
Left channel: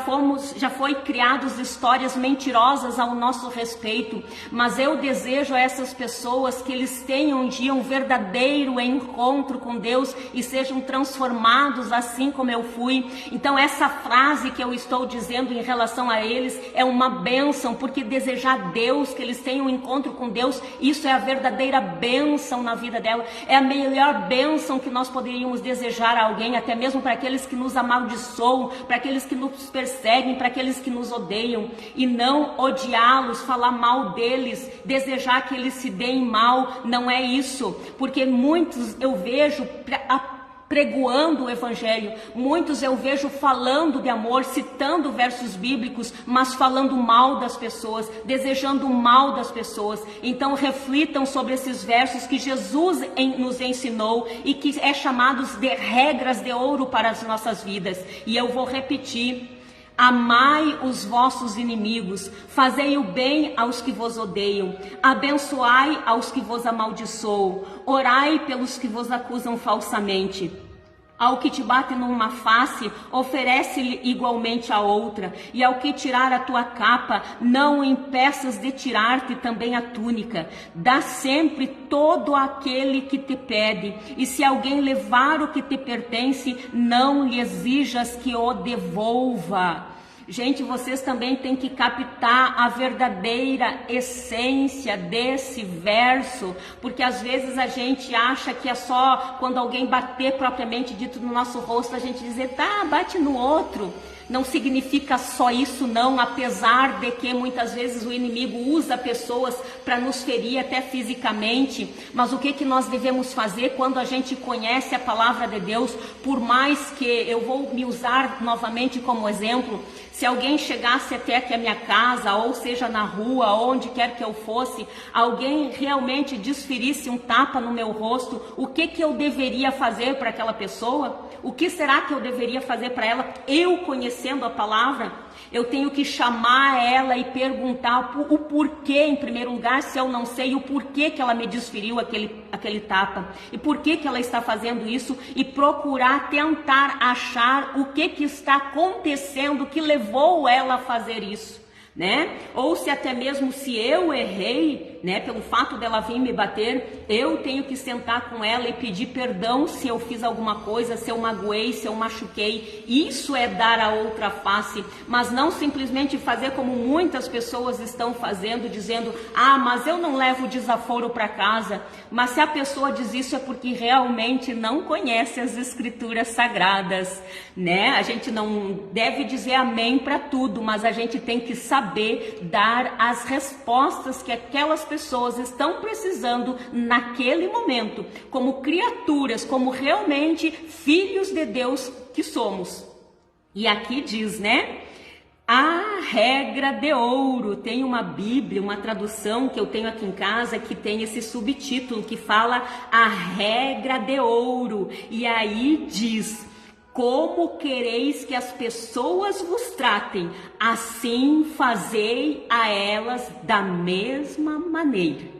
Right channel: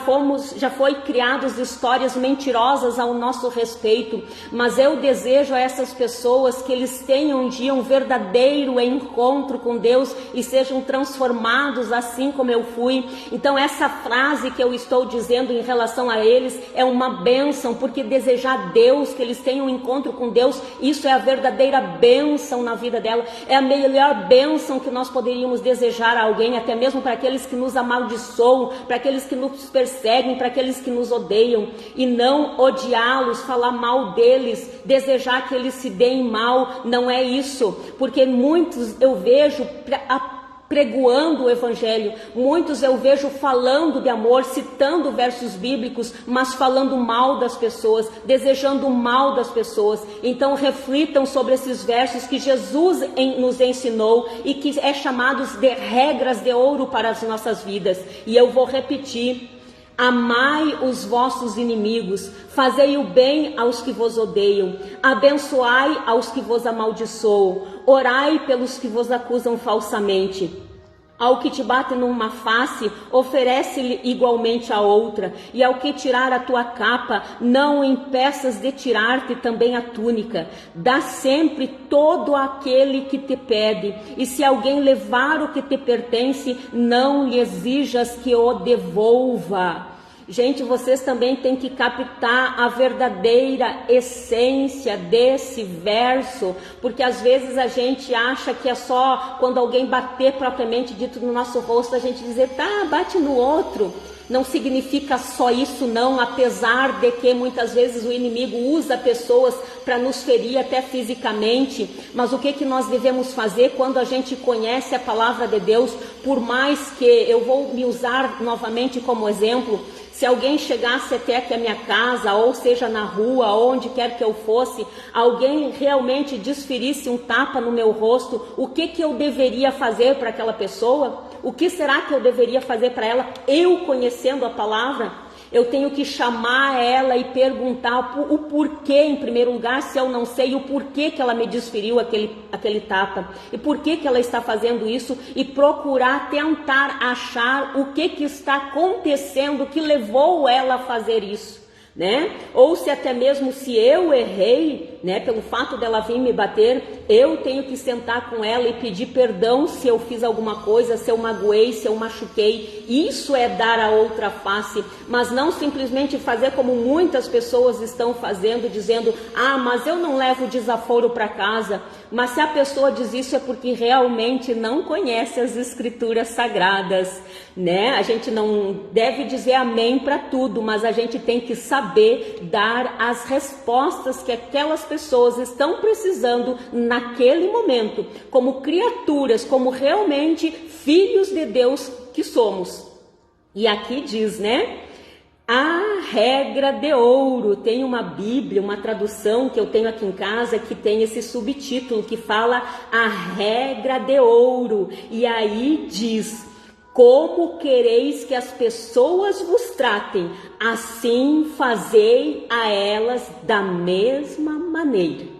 foi criados histórias mentirosas ao nosso respeito, mas eu desejo a essas pessoas que eles tenham um dia um verdadeiro encontro com Deus e sejam transformados assim como eu fui. Então essa frase que eu estou dizendo em relação a eles é uma bênção, porque desejar a Deus, que eles tenham um encontro com Deus, isso é a verdadeira bênção na vida dela, é a melhor bênção que nós poderíamos desejar a alguém, até mesmo para aqueles que nos amaldiçoam, para aqueles que nos perseguem, para aqueles que nos odeiam, e não odiá-los, falar mal deles, desejar que eles se deem mal. Não é isso, porque muitos eu vejo pregoando o evangelho, muitos eu vejo falando de amor, citando versos bíblicos, mas falando mal das pessoas, desejando o mal das pessoas. Então reflitam sobre esses versos que Jesus nos ensinou e que é chamados de regras de ouro para as nossas vidas. E eu vou repetir: amai os vossos inimigos, fazei o bem aos que vos odeiam, abençoai aos que vos amaldiçoam, orai pelos que vos acusam falsamente. Ao que te bate numa face, oferece-lhe igualmente a outra. E ao que tirar a tua capa, não o impeças de tirar-te também a túnica. Dá sempre todo aquele que te pede. E se alguém levar o que te pertence, não lhe exijas que o devolva. Gente, vocês também têm que captar a verdadeira essência desse verso, porque às vezes a gente acha que é só quando alguém bater propriamente dito no nosso rosto, a gente dizer, tá, bate no outro. Não significa só isso não, apesar de que muitas vezes o inimigo usa pessoas para nos ferir até fisicamente, mas o que nós devemos fazer quando a gente conhece a palavra de Deus, por mais que, eu vou me usar novamente como exemplo, se alguém chegasse até aqui a minha casa, ou seja na rua, onde quer que eu fosse, alguém realmente desferisse um tapa no meu rosto, o que eu deveria fazer para aquela pessoa? O que será que eu deveria fazer para ela? Eu conhecendo a palavra, eu tenho que chamar ela e perguntar o porquê, em primeiro lugar, se eu não sei o porquê que ela me desferiu aquele tapa, e por que ela está fazendo isso, e procurar tentar achar o que está acontecendo que levou ela a fazer isso, né? Ou se até mesmo se eu errei, né, pelo fato dela vir me bater, eu tenho que sentar com ela e pedir perdão se eu fiz alguma coisa, se eu magoei, se eu machuquei. Isso é dar a outra face, mas não simplesmente fazer como muitas pessoas estão fazendo, dizendo, mas eu não levo desaforo para casa. Mas se a pessoa diz isso é porque realmente não conhece as escrituras sagradas, né? A gente não deve dizer amém para tudo, mas a gente tem que saber dar as respostas que aquelas pessoas estão precisando naquele momento, como criaturas, como realmente filhos de Deus que somos. E aqui diz, né? A regra de ouro. Tem uma Bíblia, uma tradução que eu tenho aqui em casa que tem esse subtítulo que fala a regra de ouro. E aí diz: como quereis que as pessoas vos tratem, assim fazei a elas da mesma maneira.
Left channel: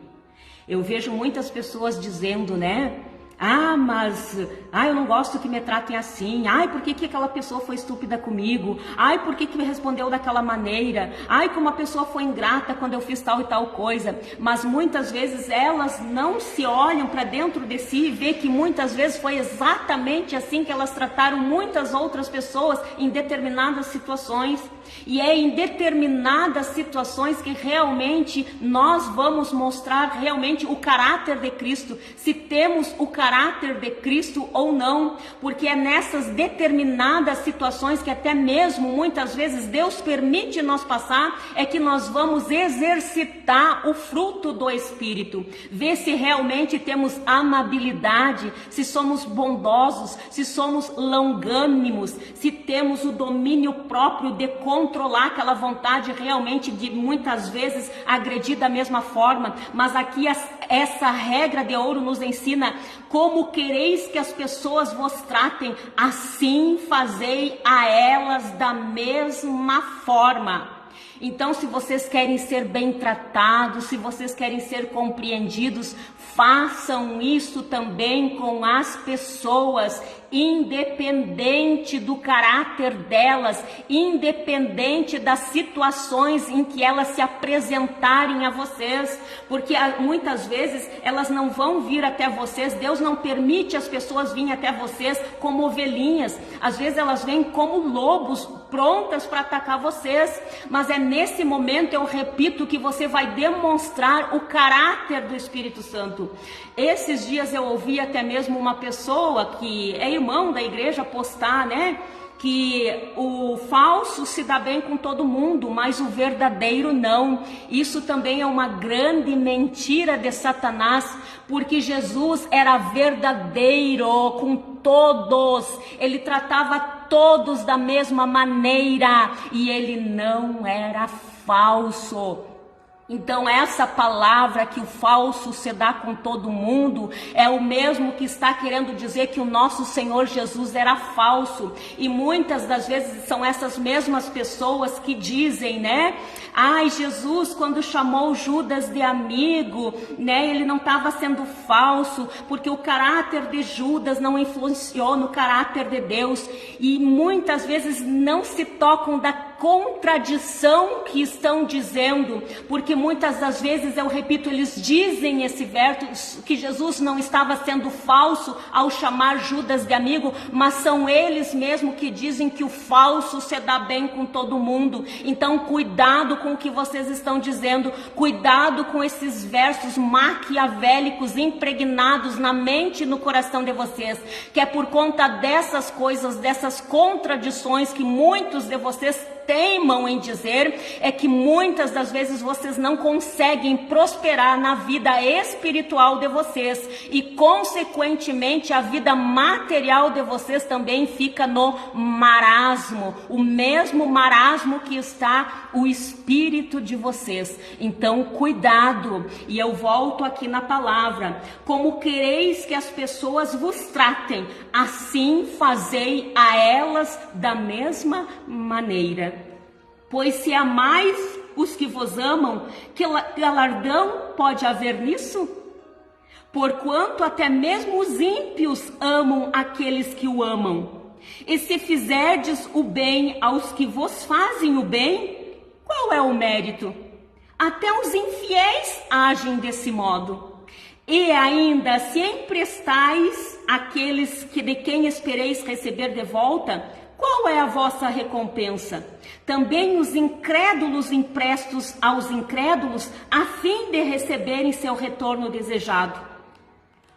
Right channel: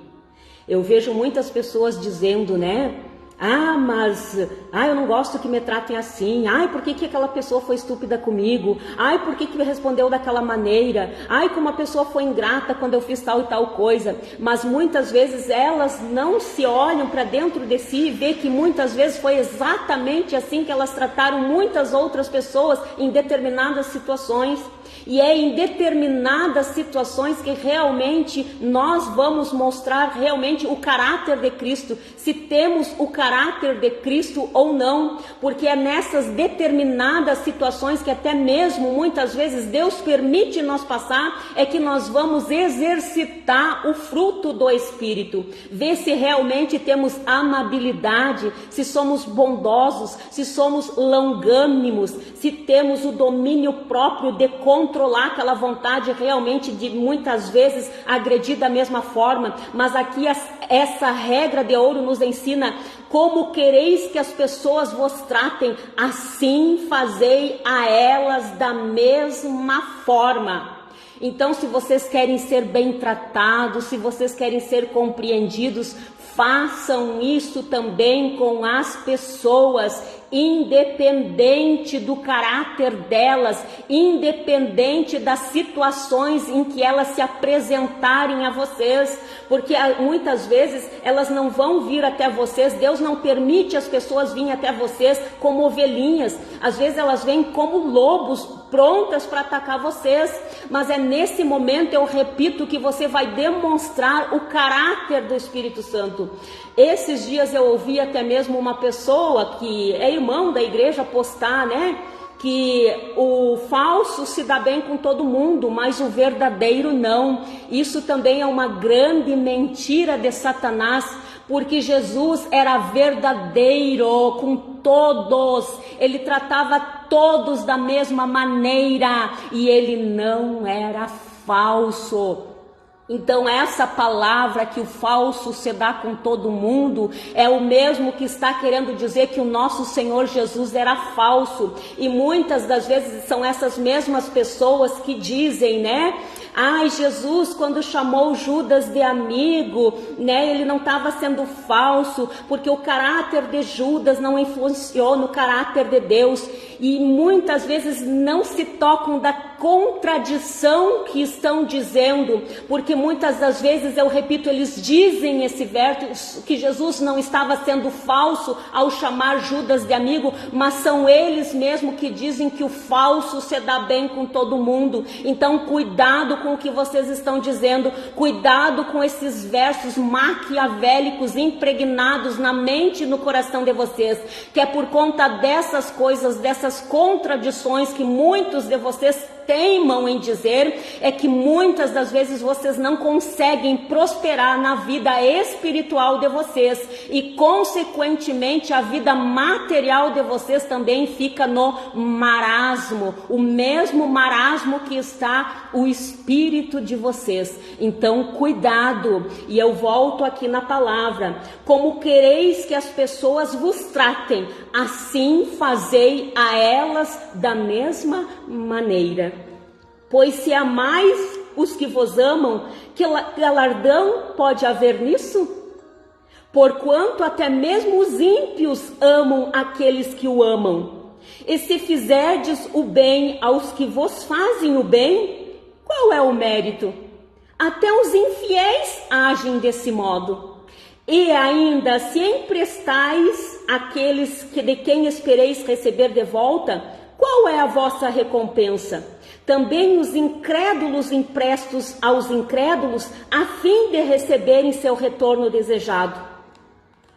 Eu vejo muitas pessoas dizendo, né? Eu não gosto que me tratem assim. Por que aquela pessoa foi estúpida comigo? Por que me respondeu daquela maneira? Como a pessoa foi ingrata quando eu fiz tal e tal coisa. Mas muitas vezes elas não se olham para dentro de si e vê que muitas vezes foi exatamente assim que elas trataram muitas outras pessoas em determinadas situações. E é em determinadas situações que realmente nós vamos mostrar realmente o caráter de Cristo, se temos o caráter de Cristo ou não, porque é nessas determinadas situações que até mesmo muitas vezes Deus permite nós passar, é que nós vamos exercitar o fruto do Espírito, ver se realmente temos amabilidade, se somos bondosos, se somos longânimos, se temos o domínio próprio de controlar aquela vontade realmente de muitas vezes agredir da mesma forma. Mas aqui essa regra de ouro nos ensina: como quereis que as pessoas vos tratem, assim fazei a elas da mesma forma. Então, se vocês querem ser bem tratados, se vocês querem ser compreendidos, façam isso também com as pessoas, independente do caráter delas, independente das situações em que elas se apresentarem a vocês, porque muitas vezes elas não vão vir até vocês, Deus não permite as pessoas virem até vocês como ovelhinhas, às vezes elas vêm como lobos, prontas para atacar vocês, mas é nesse momento, eu repito, que você vai demonstrar o caráter do Espírito Santo. Esses dias eu ouvi até mesmo uma pessoa que é irmão da igreja postar, né? Que o falso se dá bem com todo mundo, mas o verdadeiro não. Isso também é uma grande mentira de Satanás, porque Jesus era verdadeiro com todos, ele tratava todos da mesma maneira e ele não era falso. Então essa palavra que o falso se dá com todo mundo é o mesmo que está querendo dizer que o nosso Senhor Jesus era falso. E muitas das vezes são essas mesmas pessoas que dizem, né? Ai, Jesus, quando chamou Judas de amigo, né? Ele não estava sendo falso, porque o caráter de Judas não influenciou no caráter de Deus. E muitas vezes não se tocam da contradição que estão dizendo, porque muitas das vezes, eu repito, eles dizem esse verso, que Jesus não estava sendo falso ao chamar Judas de amigo, mas são eles mesmos que dizem que o falso se dá bem com todo mundo. Então cuidado com o que vocês estão dizendo, cuidado com esses versos maquiavélicos impregnados na mente e no coração de vocês, que é por conta dessas coisas, dessas contradições que muitos de vocês teimam em dizer, é que muitas das vezes vocês não conseguem prosperar na vida espiritual de vocês e consequentemente a vida material de vocês também fica no marasmo, o mesmo marasmo que está o espírito de vocês. Então cuidado, e eu volto aqui na palavra: como quereis que as pessoas vos tratem, assim fazei a elas da mesma maneira. Pois se amais os que vos amam, que galardão pode haver nisso? Porquanto até mesmo os ímpios amam aqueles que o amam. E se fizerdes o bem aos que vos fazem o bem, qual é o mérito? Até os infiéis agem desse modo. E ainda se emprestais àqueles de quem espereis receber de volta, qual é a vossa recompensa? Também os incrédulos emprestos aos incrédulos, a fim de receberem seu retorno desejado.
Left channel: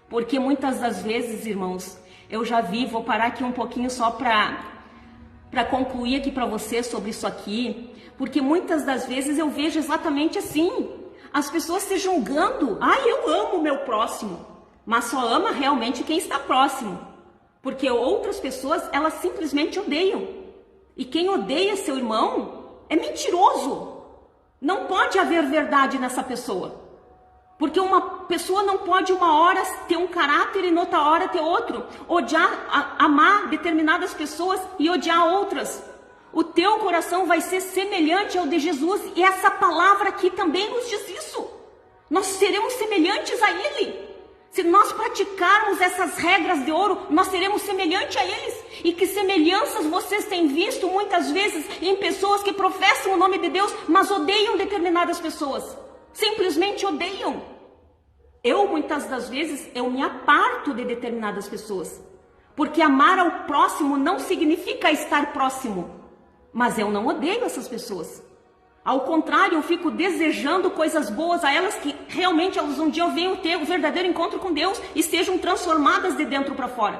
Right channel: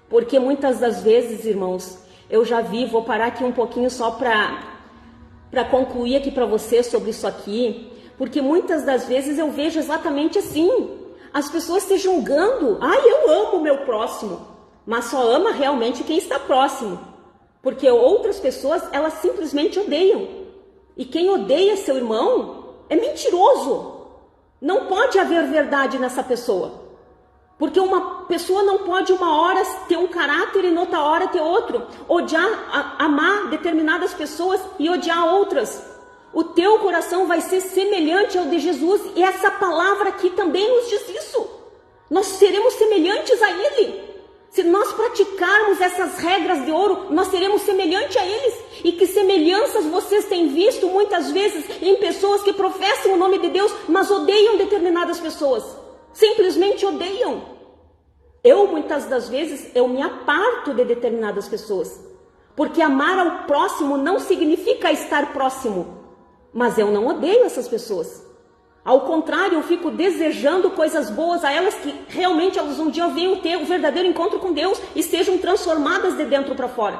Porque muitas das vezes, irmãos, eu já vi, vou parar aqui um pouquinho só para concluir aqui para vocês sobre isso aqui, porque muitas das vezes eu vejo exatamente assim, as pessoas se julgando: ai, eu amo o meu próximo, mas só ama realmente quem está próximo, porque outras pessoas, elas simplesmente odeiam. E quem odeia seu irmão é mentiroso. Não pode haver verdade nessa pessoa. Porque uma pessoa não pode uma hora ter um caráter e noutra hora ter outro. Amar determinadas pessoas e odiar outras. O teu coração vai ser semelhante ao de Jesus. E essa palavra aqui também nos diz isso. Nós seremos semelhantes a Ele. Se nós praticarmos essas regras de ouro, nós seremos semelhantes a eles. E que semelhanças vocês têm visto muitas vezes em pessoas que professam o nome de Deus, mas odeiam determinadas pessoas. Simplesmente odeiam. Eu, muitas das vezes, eu me aparto de determinadas pessoas. Porque amar ao próximo não significa estar próximo. Mas eu não odeio essas pessoas. Ao contrário, eu fico desejando coisas boas a elas, que realmente elas um dia venham ter um verdadeiro encontro com Deus e sejam transformadas de dentro para fora.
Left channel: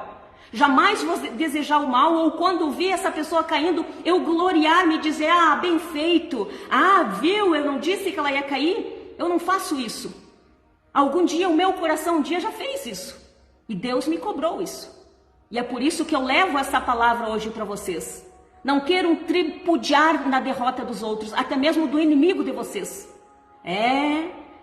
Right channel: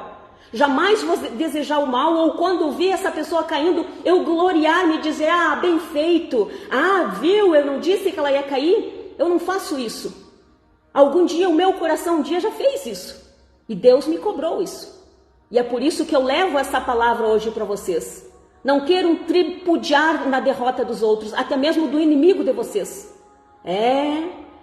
Jamais vou desejar o mal, ou quando vi essa pessoa caindo, eu gloriar-me e dizer: ah, bem feito, ah, viu, eu não disse que ela ia cair. Eu não faço isso. Algum dia o meu coração um dia já fez isso. E Deus me cobrou isso. E é por isso que eu levo essa palavra hoje para vocês. Não queiram tripudiar na derrota dos outros, até mesmo do inimigo de vocês.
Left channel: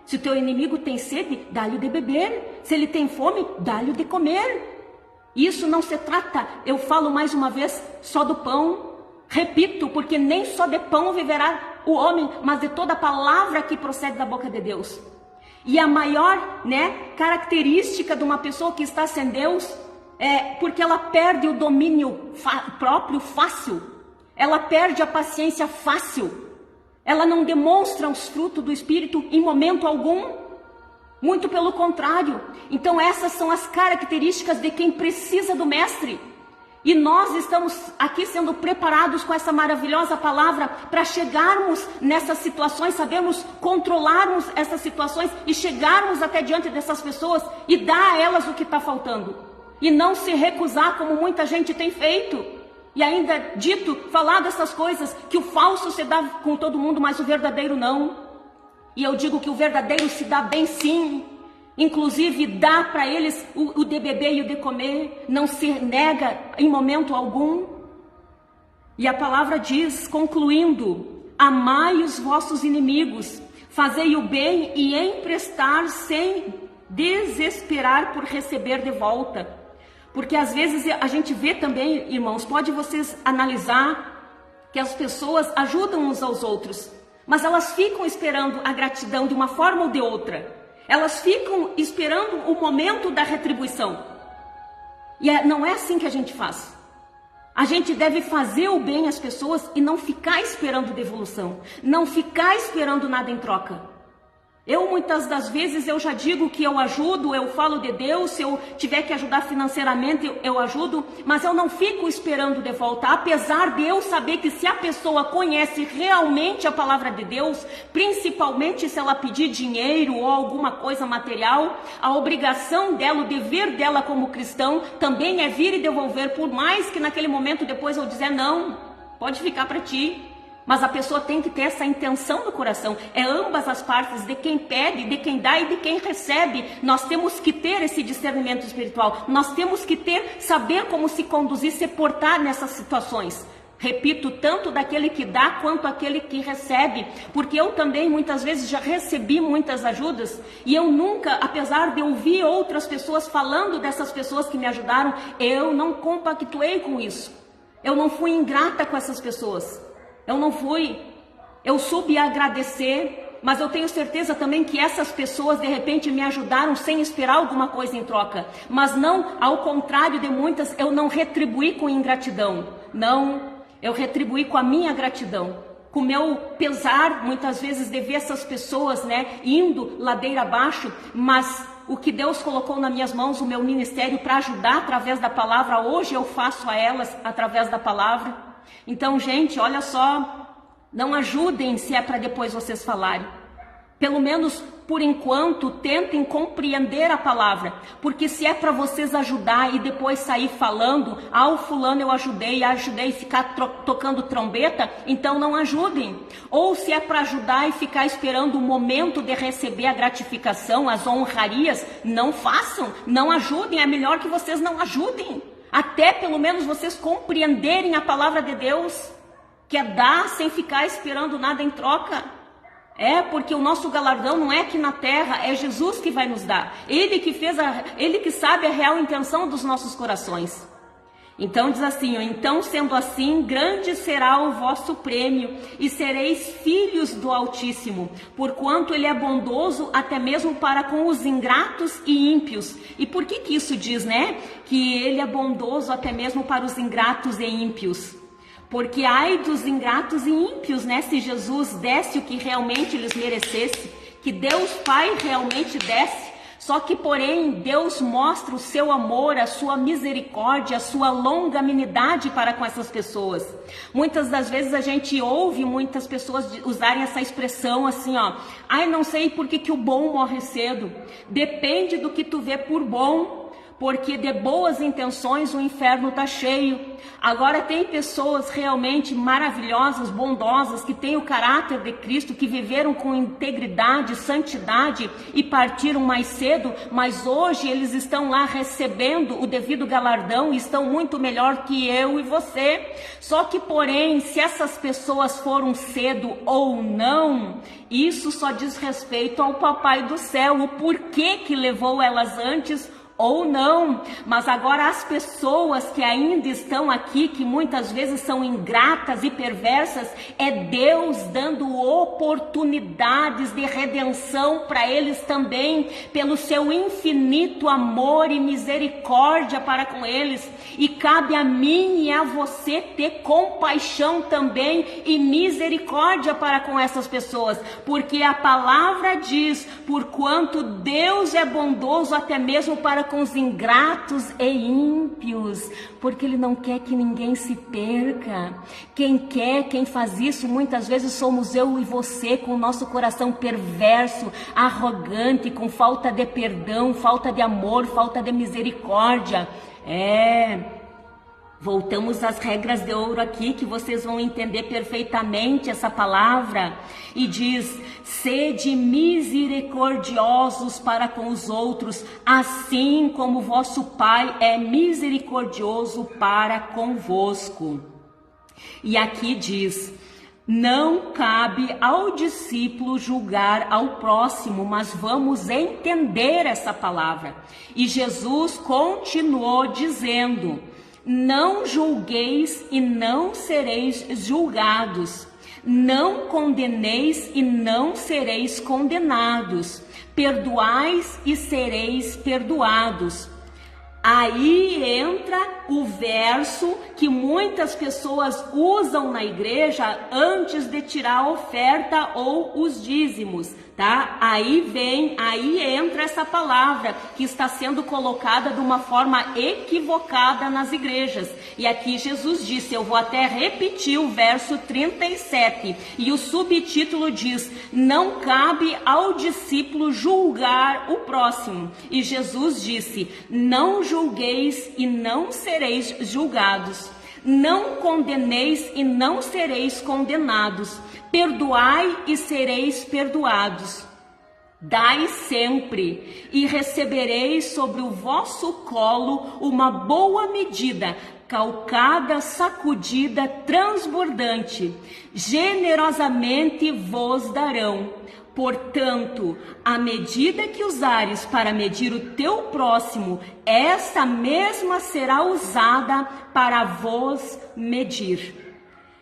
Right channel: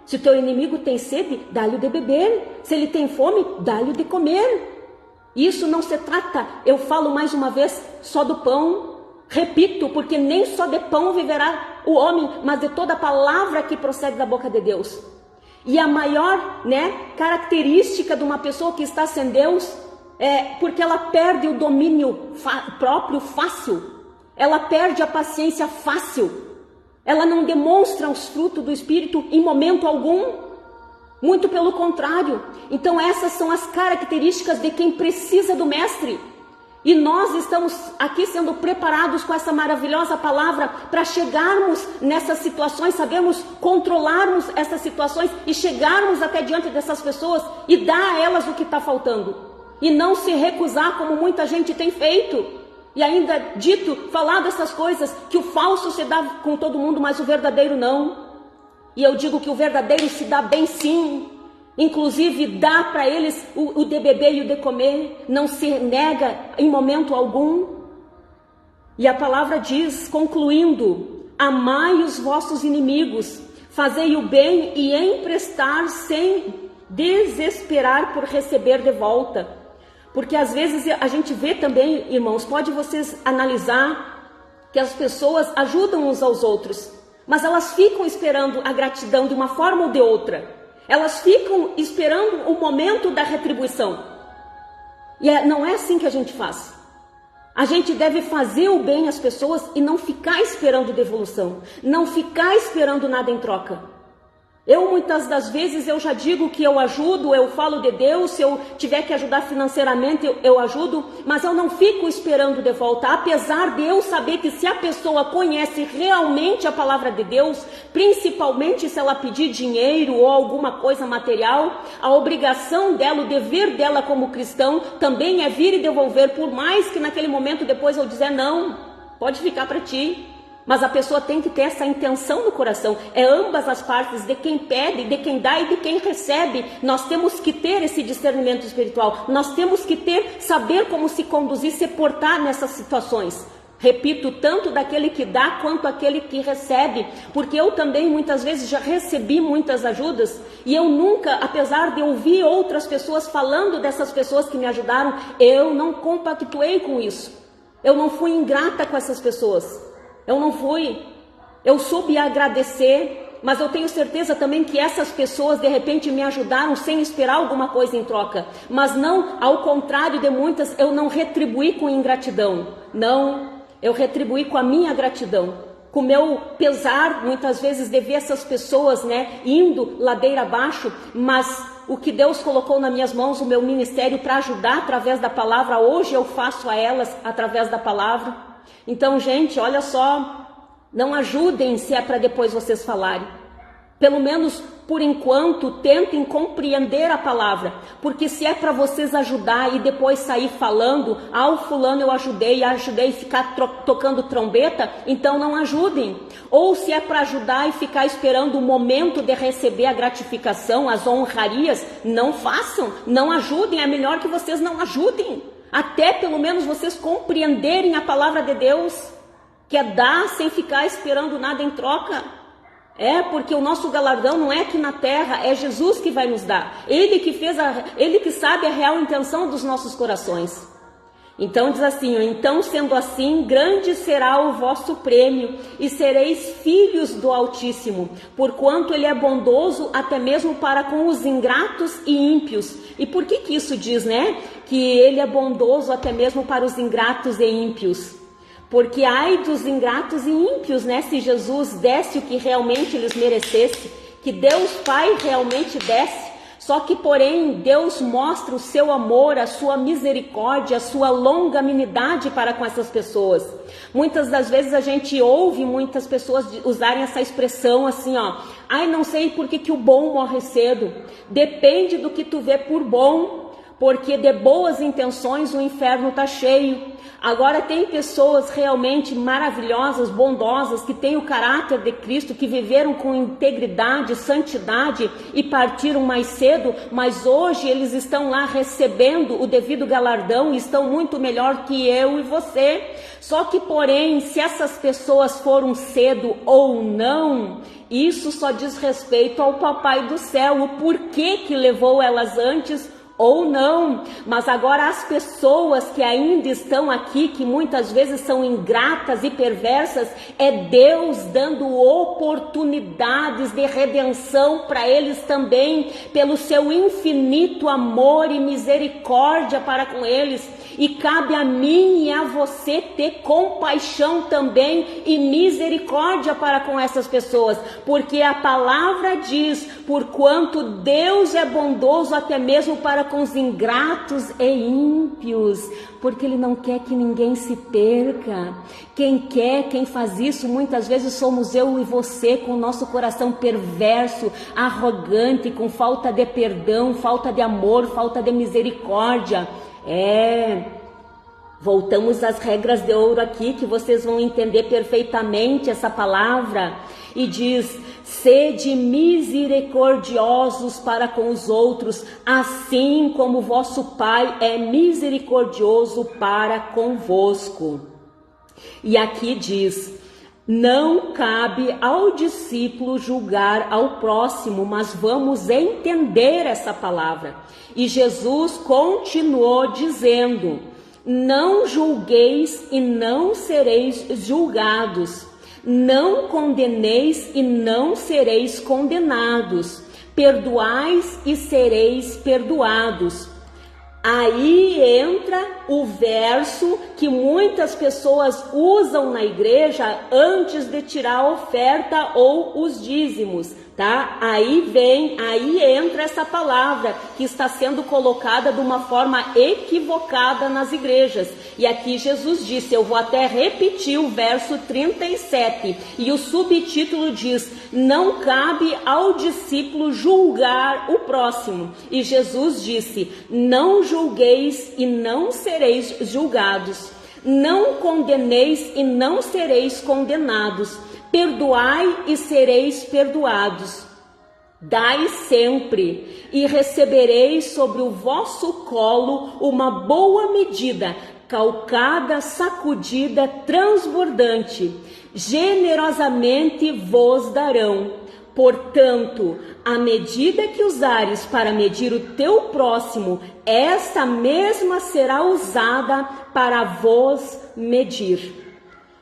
Se o teu inimigo tem sede, dá-lhe de beber. Se ele tem fome, dá-lhe de comer. Isso não se trata, eu falo mais uma vez, só do pão. Repito, porque nem só de pão viverá o homem, mas de toda palavra que procede da boca de Deus. E a maior, característica de uma pessoa que está sem Deus é porque ela perde o domínio próprio fácil. Ela perde a paciência fácil. Ela não demonstra os frutos do Espírito em momento algum. Muito pelo contrário. Então essas são as características de quem precisa do Mestre. E nós estamos aqui sendo preparados com essa maravilhosa palavra para chegarmos nessas situações, sabemos controlarmos essas situações e chegarmos até diante dessas pessoas e dar a elas o que está faltando. E não se recusar como muita gente tem feito. E ainda falado essas coisas, que o falso se dá com todo mundo, mas o verdadeiro não. E eu digo que o verdadeiro se dá bem sim. Inclusive dá para eles o de beber e o de comer. Não se nega em momento algum. E a palavra diz, concluindo: amai os vossos inimigos, Fazei o bem e emprestar sem desesperar por receber de volta. Porque às vezes a gente vê também, irmãos, pode vocês analisar que as pessoas ajudam uns aos outros, mas elas ficam esperando a gratidão de uma forma ou de outra. Elas ficam esperando o momento da retribuição. E não é assim que a gente faz. A gente deve fazer o bem às pessoas e não ficar esperando devolução, não ficar esperando nada em troca. Muitas das vezes, eu já digo que eu ajudo, eu falo de Deus, se eu tiver que ajudar financeiramente, eu ajudo, mas eu não fico esperando de volta, apesar de eu saber que se a pessoa conhece realmente a palavra de Deus, principalmente se ela pedir dinheiro ou alguma coisa material, a obrigação dela, o dever dela como cristão, também é vir e devolver, por mais que naquele momento depois eu dizer, não, pode ficar para ti. Mas a pessoa tem que ter essa intenção no coração. É ambas as partes, de quem pede, de quem dá e de quem recebe. Nós temos que ter esse discernimento espiritual. Nós temos que saber como se conduzir, se portar nessas situações. Repito, tanto daquele que dá quanto aquele que recebe. Porque eu também muitas vezes já recebi muitas ajudas. E eu nunca, apesar de ouvir outras pessoas falando dessas pessoas que me ajudaram, eu não compactuei com isso. Eu não fui ingrata com essas pessoas. Eu não fui, eu soube agradecer, mas eu tenho certeza também que essas pessoas de repente me ajudaram sem esperar alguma coisa em troca. Mas não, ao contrário de muitas, eu não retribuí com ingratidão. Não, eu retribuí com a minha gratidão. Com o meu pesar, muitas vezes, de ver essas pessoas, indo ladeira abaixo, mas o que Deus colocou nas minhas mãos, o meu ministério para ajudar através da palavra, hoje eu faço a elas através da palavra. Então, gente, olha só, não ajudem se é para depois vocês falarem. Pelo menos, por enquanto, tentem compreender a palavra. Porque se é para vocês ajudar e depois sair falando, o fulano eu ajudei e ficar tocando trombeta, então não ajudem. Ou se é para ajudar e ficar esperando o momento de receber a gratificação, as honrarias, não façam, não ajudem, é melhor que vocês não ajudem. Até pelo menos vocês compreenderem a palavra de Deus, que é dar sem ficar esperando nada em troca. Porque o nosso galardão não é aqui na terra, é Jesus que vai nos dar. Ele que sabe a real intenção dos nossos corações. Então diz assim, então sendo assim, grande será o vosso prêmio e sereis filhos do Altíssimo, porquanto ele é bondoso até mesmo para com os ingratos e ímpios. E por que isso diz, que ele é bondoso até mesmo para os ingratos e ímpios? Porque ai dos ingratos e ímpios, se Jesus desse o que realmente eles merecessem, que Deus Pai realmente desse. Só que, porém, Deus mostra o seu amor, a sua misericórdia, a sua longanimidade para com essas pessoas. Muitas das vezes a gente ouve muitas pessoas usarem essa expressão assim, não sei por que o bom morre cedo. Depende do que tu vê por bom, porque de boas intenções o inferno está cheio. Agora tem pessoas realmente maravilhosas, bondosas, que têm o caráter de Cristo, que viveram com integridade, santidade e partiram mais cedo, mas hoje eles estão lá recebendo o devido galardão e estão muito melhor que eu e você. Só que, porém, se essas pessoas foram cedo ou não, isso só diz respeito ao Papai do Céu, o porquê que levou elas antes ou não. Mas agora as pessoas que ainda estão aqui, que muitas vezes são ingratas e perversas, é Deus dando oportunidades de redenção para eles também, pelo seu infinito amor e misericórdia para com eles. E cabe a mim e a você ter compaixão também e misericórdia para com essas pessoas, porque a palavra diz, porquanto Deus é bondoso até mesmo para com os ingratos e ímpios, porque Ele não quer que ninguém se perca. Quem faz isso muitas vezes somos eu e você, com o nosso coração perverso, arrogante, com falta de perdão, falta de amor, falta de misericórdia. Voltamos às regras de ouro aqui, que vocês vão entender perfeitamente essa palavra. E diz, sede misericordiosos para com os outros, assim como vosso Pai é misericordioso para convosco. E aqui diz, Não cabe ao discípulo julgar ao próximo, mas vamos entender essa palavra. E Jesus continuou dizendo: não julgueis e não sereis julgados. Não condeneis e não sereis condenados. Perdoais e sereis perdoados. Aí entra o verso que muitas pessoas usam na igreja antes de tirar a oferta ou os dízimos, tá? Aí entra essa palavra que está sendo colocada de uma forma equivocada nas igrejas. E aqui Jesus disse, eu vou até repetir o verso 37, e o subtítulo diz: não cabe ao discípulo julgar o próximo. E Jesus disse: não julgueis e não sereis julgados. Não condeneis e não sereis condenados. Perdoai e sereis perdoados. Dai sempre e recebereis sobre o vosso colo uma boa medida, calcada, sacudida, transbordante. Generosamente vos darão. Portanto, a medida que usares para medir o teu próximo, essa mesma será usada para vos medir.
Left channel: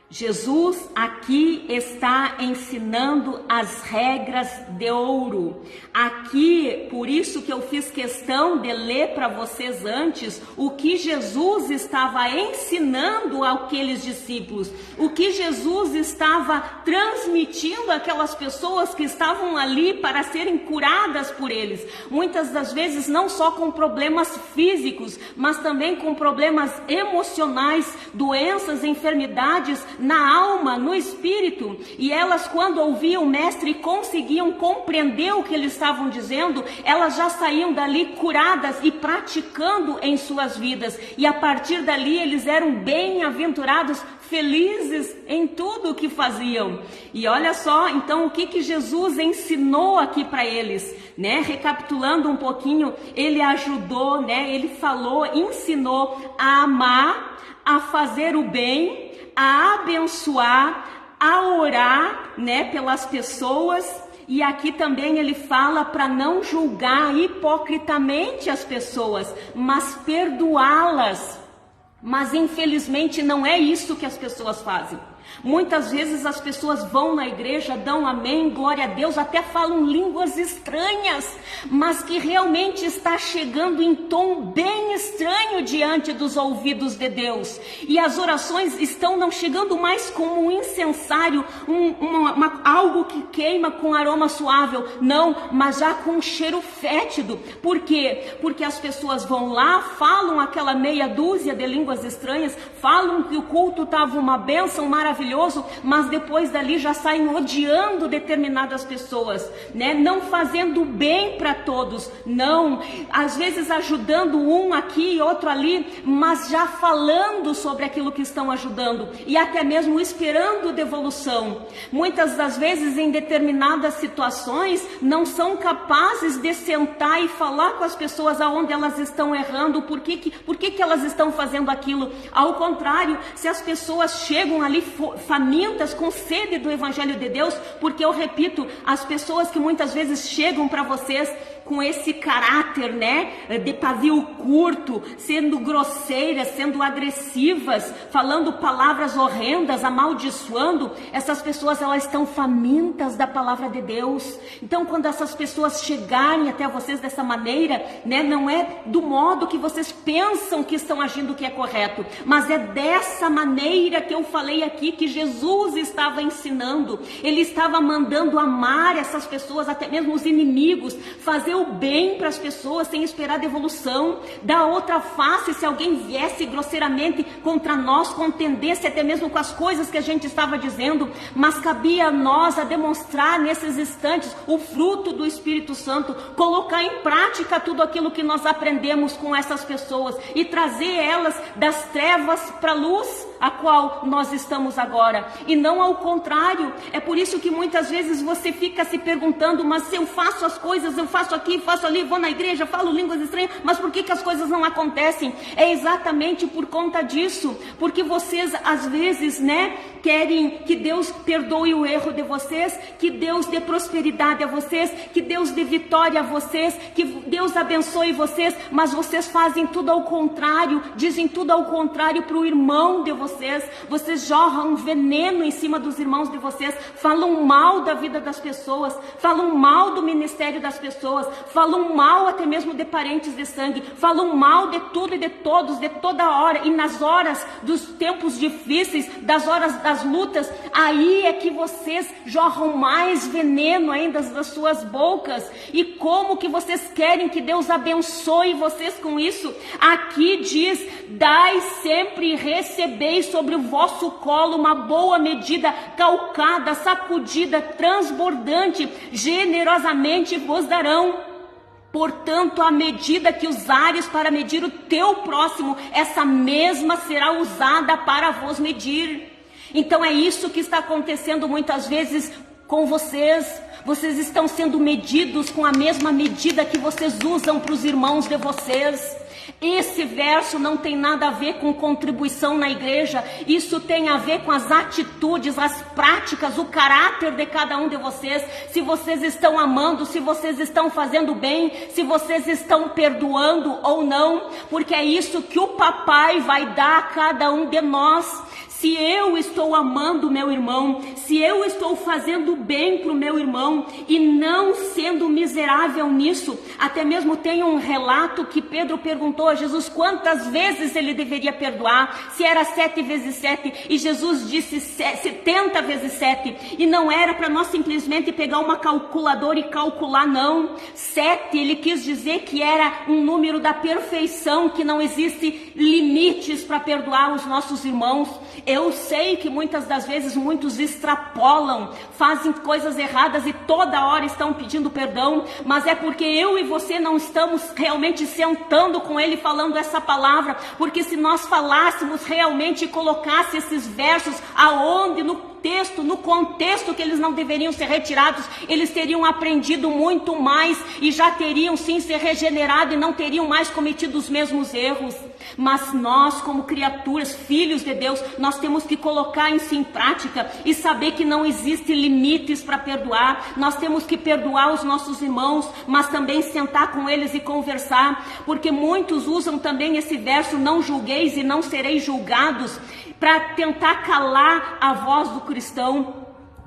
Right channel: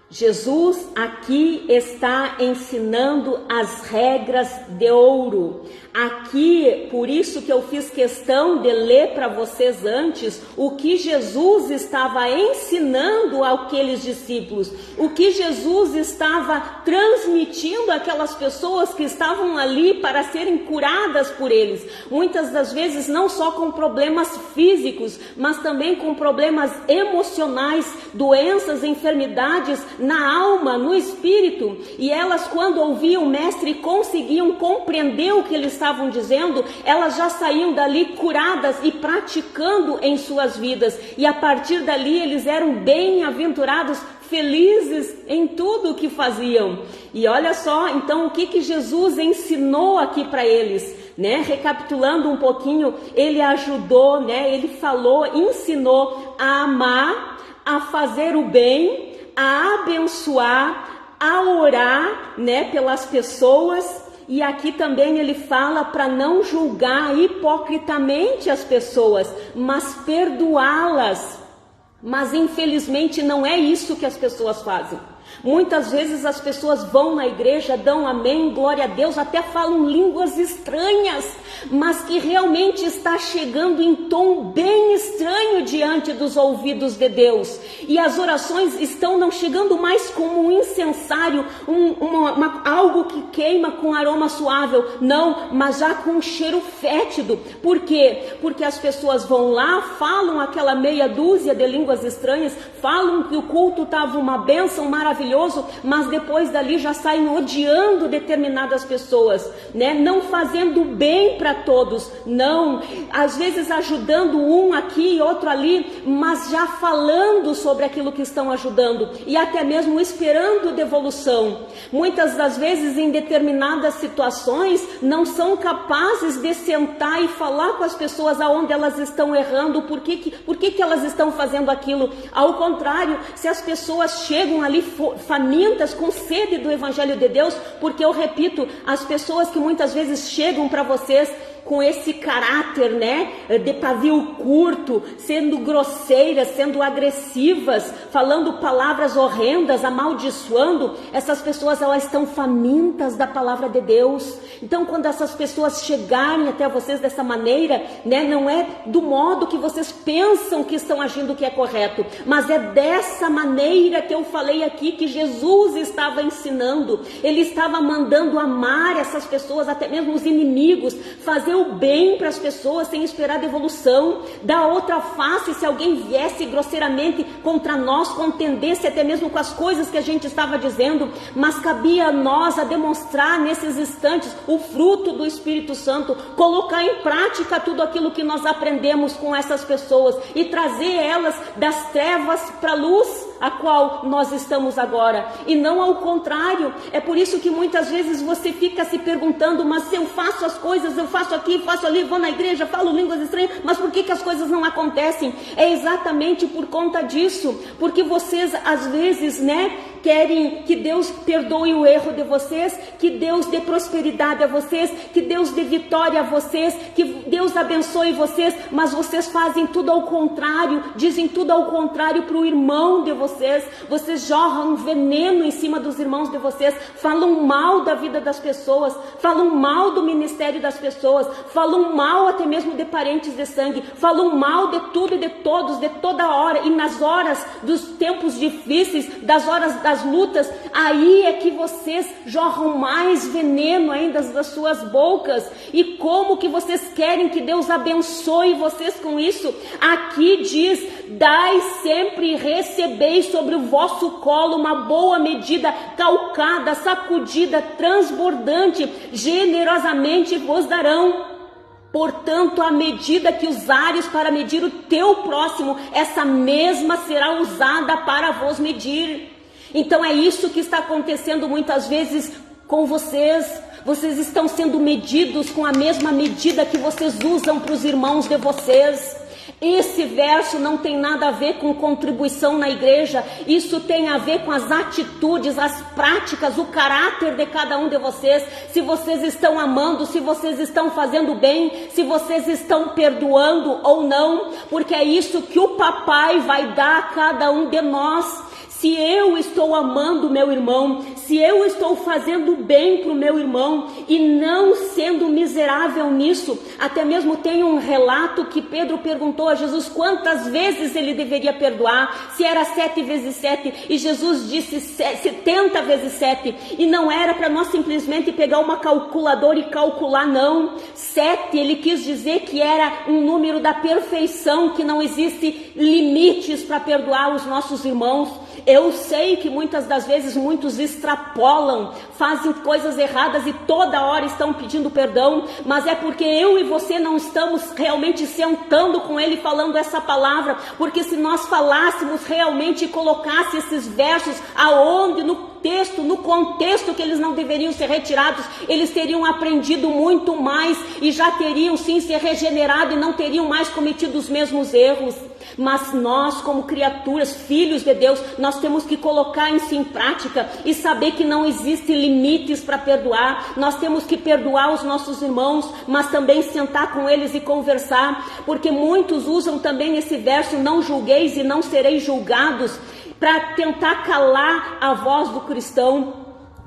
Jesus aqui está ensinando as regras de ouro. Aqui, por isso que eu fiz questão de ler para vocês antes o que Jesus estava ensinando àqueles discípulos, o que Jesus estava transmitindo àquelas pessoas que estavam ali para serem curadas por eles. Muitas das vezes não só com problemas físicos, mas também com problemas emocionais, doenças, enfermidades na alma, no espírito. E elas, quando ouviam o mestre e conseguiam compreender o que ele estava dizendo, elas já saíam dali curadas e praticando em suas vidas, e a partir dali eles eram bem-aventurados, felizes em tudo o que faziam. E olha só, então, o que Jesus ensinou aqui para eles, né? Recapitulando um pouquinho, ele ajudou, né? Ele falou, ensinou a amar, a fazer o bem, a abençoar, a orar, né, pelas pessoas. E aqui também ele fala para não julgar hipocritamente as pessoas, mas perdoá-las. Mas infelizmente não é isso que as pessoas fazem. Muitas vezes as pessoas vão na igreja, dão amém, glória a Deus, até falam línguas estranhas, mas que realmente está chegando em tom bem estranho diante dos ouvidos de Deus. E as orações estão não chegando mais como um incensário, algo que queima com aroma suave, não, mas já com um cheiro fétido. Por quê? Porque as pessoas vão lá, falam aquela meia dúzia de línguas estranhas, falam que o culto estava uma bênção maravilhosa, mas depois dali já saem odiando determinadas pessoas, né? Não fazendo bem para todos, não, às vezes ajudando um aqui e outro ali, mas já falando sobre aquilo que estão ajudando e até mesmo esperando devolução. Muitas das vezes em determinadas situações não são capazes de sentar e falar com as pessoas aonde elas estão errando, por que elas estão fazendo aquilo. Ao contrário, se as pessoas chegam ali famintas, com sede do Evangelho de Deus, porque eu repito, as pessoas que muitas vezes chegam para vocês com esse caráter, né, de pavio curto, sendo grosseiras, sendo agressivas, falando palavras horrendas, amaldiçoando, essas pessoas, elas estão famintas da palavra de Deus. Então, quando essas pessoas chegarem até vocês dessa maneira, né, não é do modo que vocês pensam que estão agindo que é correto, mas é dessa maneira que eu falei aqui, que Jesus estava ensinando. Ele estava mandando amar essas pessoas, até mesmo os inimigos, fazer o bem para as pessoas sem esperar devolução, dar outra face se alguém viesse grosseiramente contra nós, contendesse até mesmo com as coisas que a gente estava dizendo, mas cabia a nós a demonstrar nesses instantes o fruto do Espírito Santo, colocar em prática tudo aquilo que nós aprendemos com essas pessoas e trazer elas das trevas para a luz a qual nós estamos agora, e não ao contrário. É por isso que muitas vezes você fica se perguntando, mas se eu faço as coisas, eu faço aquilo aqui, faço ali, vou na igreja, falo línguas estranhas, mas por que as coisas não acontecem? É exatamente por conta disso, porque vocês às vezes, né, querem que Deus perdoe o erro de vocês, que Deus dê prosperidade a vocês, que Deus dê vitória a vocês, que Deus abençoe vocês, mas vocês fazem tudo ao contrário, dizem tudo ao contrário para o irmão de vocês jorram veneno em cima dos irmãos de vocês, falam mal da vida das pessoas, falam mal do ministério das pessoas, falam mal até mesmo de parentes de sangue, falam mal de tudo e de todos, de toda hora, e nas horas dos tempos difíceis, das horas das lutas, aí é que vocês jorram mais veneno ainda das suas bocas. E como que vocês querem que Deus abençoe vocês com isso? Aqui diz: dai sempre e recebeis sobre o vosso colo uma boa medida, calcada, sacudida, transbordante, generosamente vos darão. Portanto, a medida que usares para medir o teu próximo, essa mesma será usada para vos medir. Então é isso que está acontecendo muitas vezes com vocês. Vocês estão sendo medidos com a mesma medida que vocês usam para os irmãos de vocês. Esse verso não tem nada a ver com contribuição na igreja, isso tem a ver com as atitudes, as práticas, o caráter de cada um de vocês, se vocês estão amando, se vocês estão fazendo bem, se vocês estão perdoando ou não, porque é isso que o papai vai dar a cada um de nós. Se eu estou amando meu irmão, se eu estou fazendo bem para o meu irmão e não sendo miserável nisso, até mesmo tem um relato que Pedro perguntou a Jesus quantas vezes ele deveria perdoar, se era 7 vezes 7, e Jesus disse 70 vezes 7, e não era para nós simplesmente pegar uma calculadora e calcular, não. 7, ele quis dizer que era um número da perfeição, que não existe limites para perdoar os nossos irmãos. Eu sei que muitas das vezes muitos extrapolam, fazem coisas erradas e toda hora estão pedindo perdão, mas é porque eu e você não estamos realmente sentando com ele falando essa palavra, porque se nós falássemos realmente e colocássemos esses versos aonde no texto, no contexto que eles não deveriam ser retirados, eles teriam aprendido muito mais e já teriam sim se regenerado e não teriam mais cometido os mesmos erros. Mas nós, como criaturas, filhos de Deus, nós temos que colocar isso em prática e saber que não existem limites para perdoar. Nós temos que perdoar os nossos irmãos, mas também sentar com eles e conversar, porque muitos usam também esse verso: não julgueis e não sereis julgados, para tentar calar a voz do cristão.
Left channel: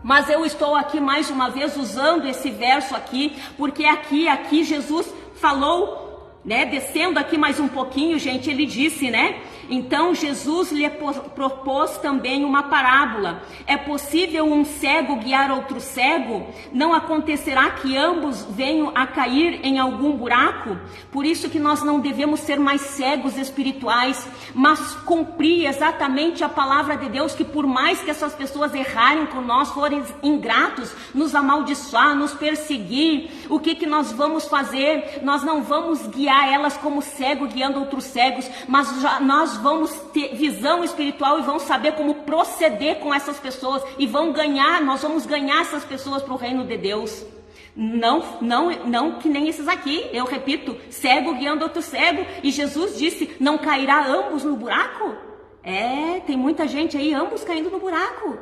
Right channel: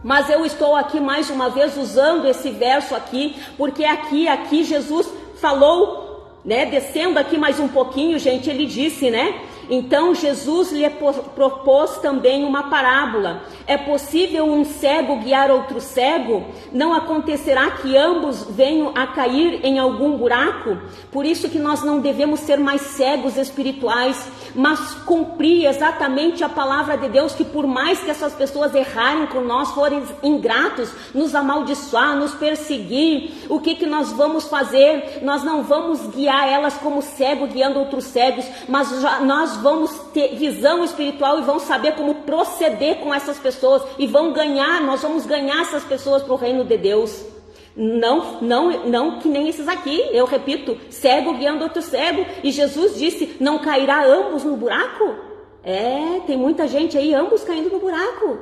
Mas eu estou aqui mais uma vez usando esse verso aqui, porque aqui Jesus falou, né, descendo aqui mais um pouquinho, gente, ele disse, né? Então Jesus lhe propôs também uma parábola. É possível um cego guiar outro cego? Não acontecerá que ambos venham a cair em algum buraco? Por isso que nós não devemos ser mais cegos espirituais, mas cumprir exatamente a palavra de Deus, que por mais que essas pessoas errarem com nós, forem ingratos, nos amaldiçoar, nos perseguir, o que nós vamos fazer? Nós não vamos guiar elas como cego guiando outros cegos, mas nós vamos ter visão espiritual e vamos saber como proceder com essas pessoas e nós vamos ganhar essas pessoas para o reino de Deus. Não que nem esses aqui, eu repito, cego guiando outro cego, e Jesus disse: não cairá ambos no buraco? Tem muita gente aí, ambos caindo no buraco.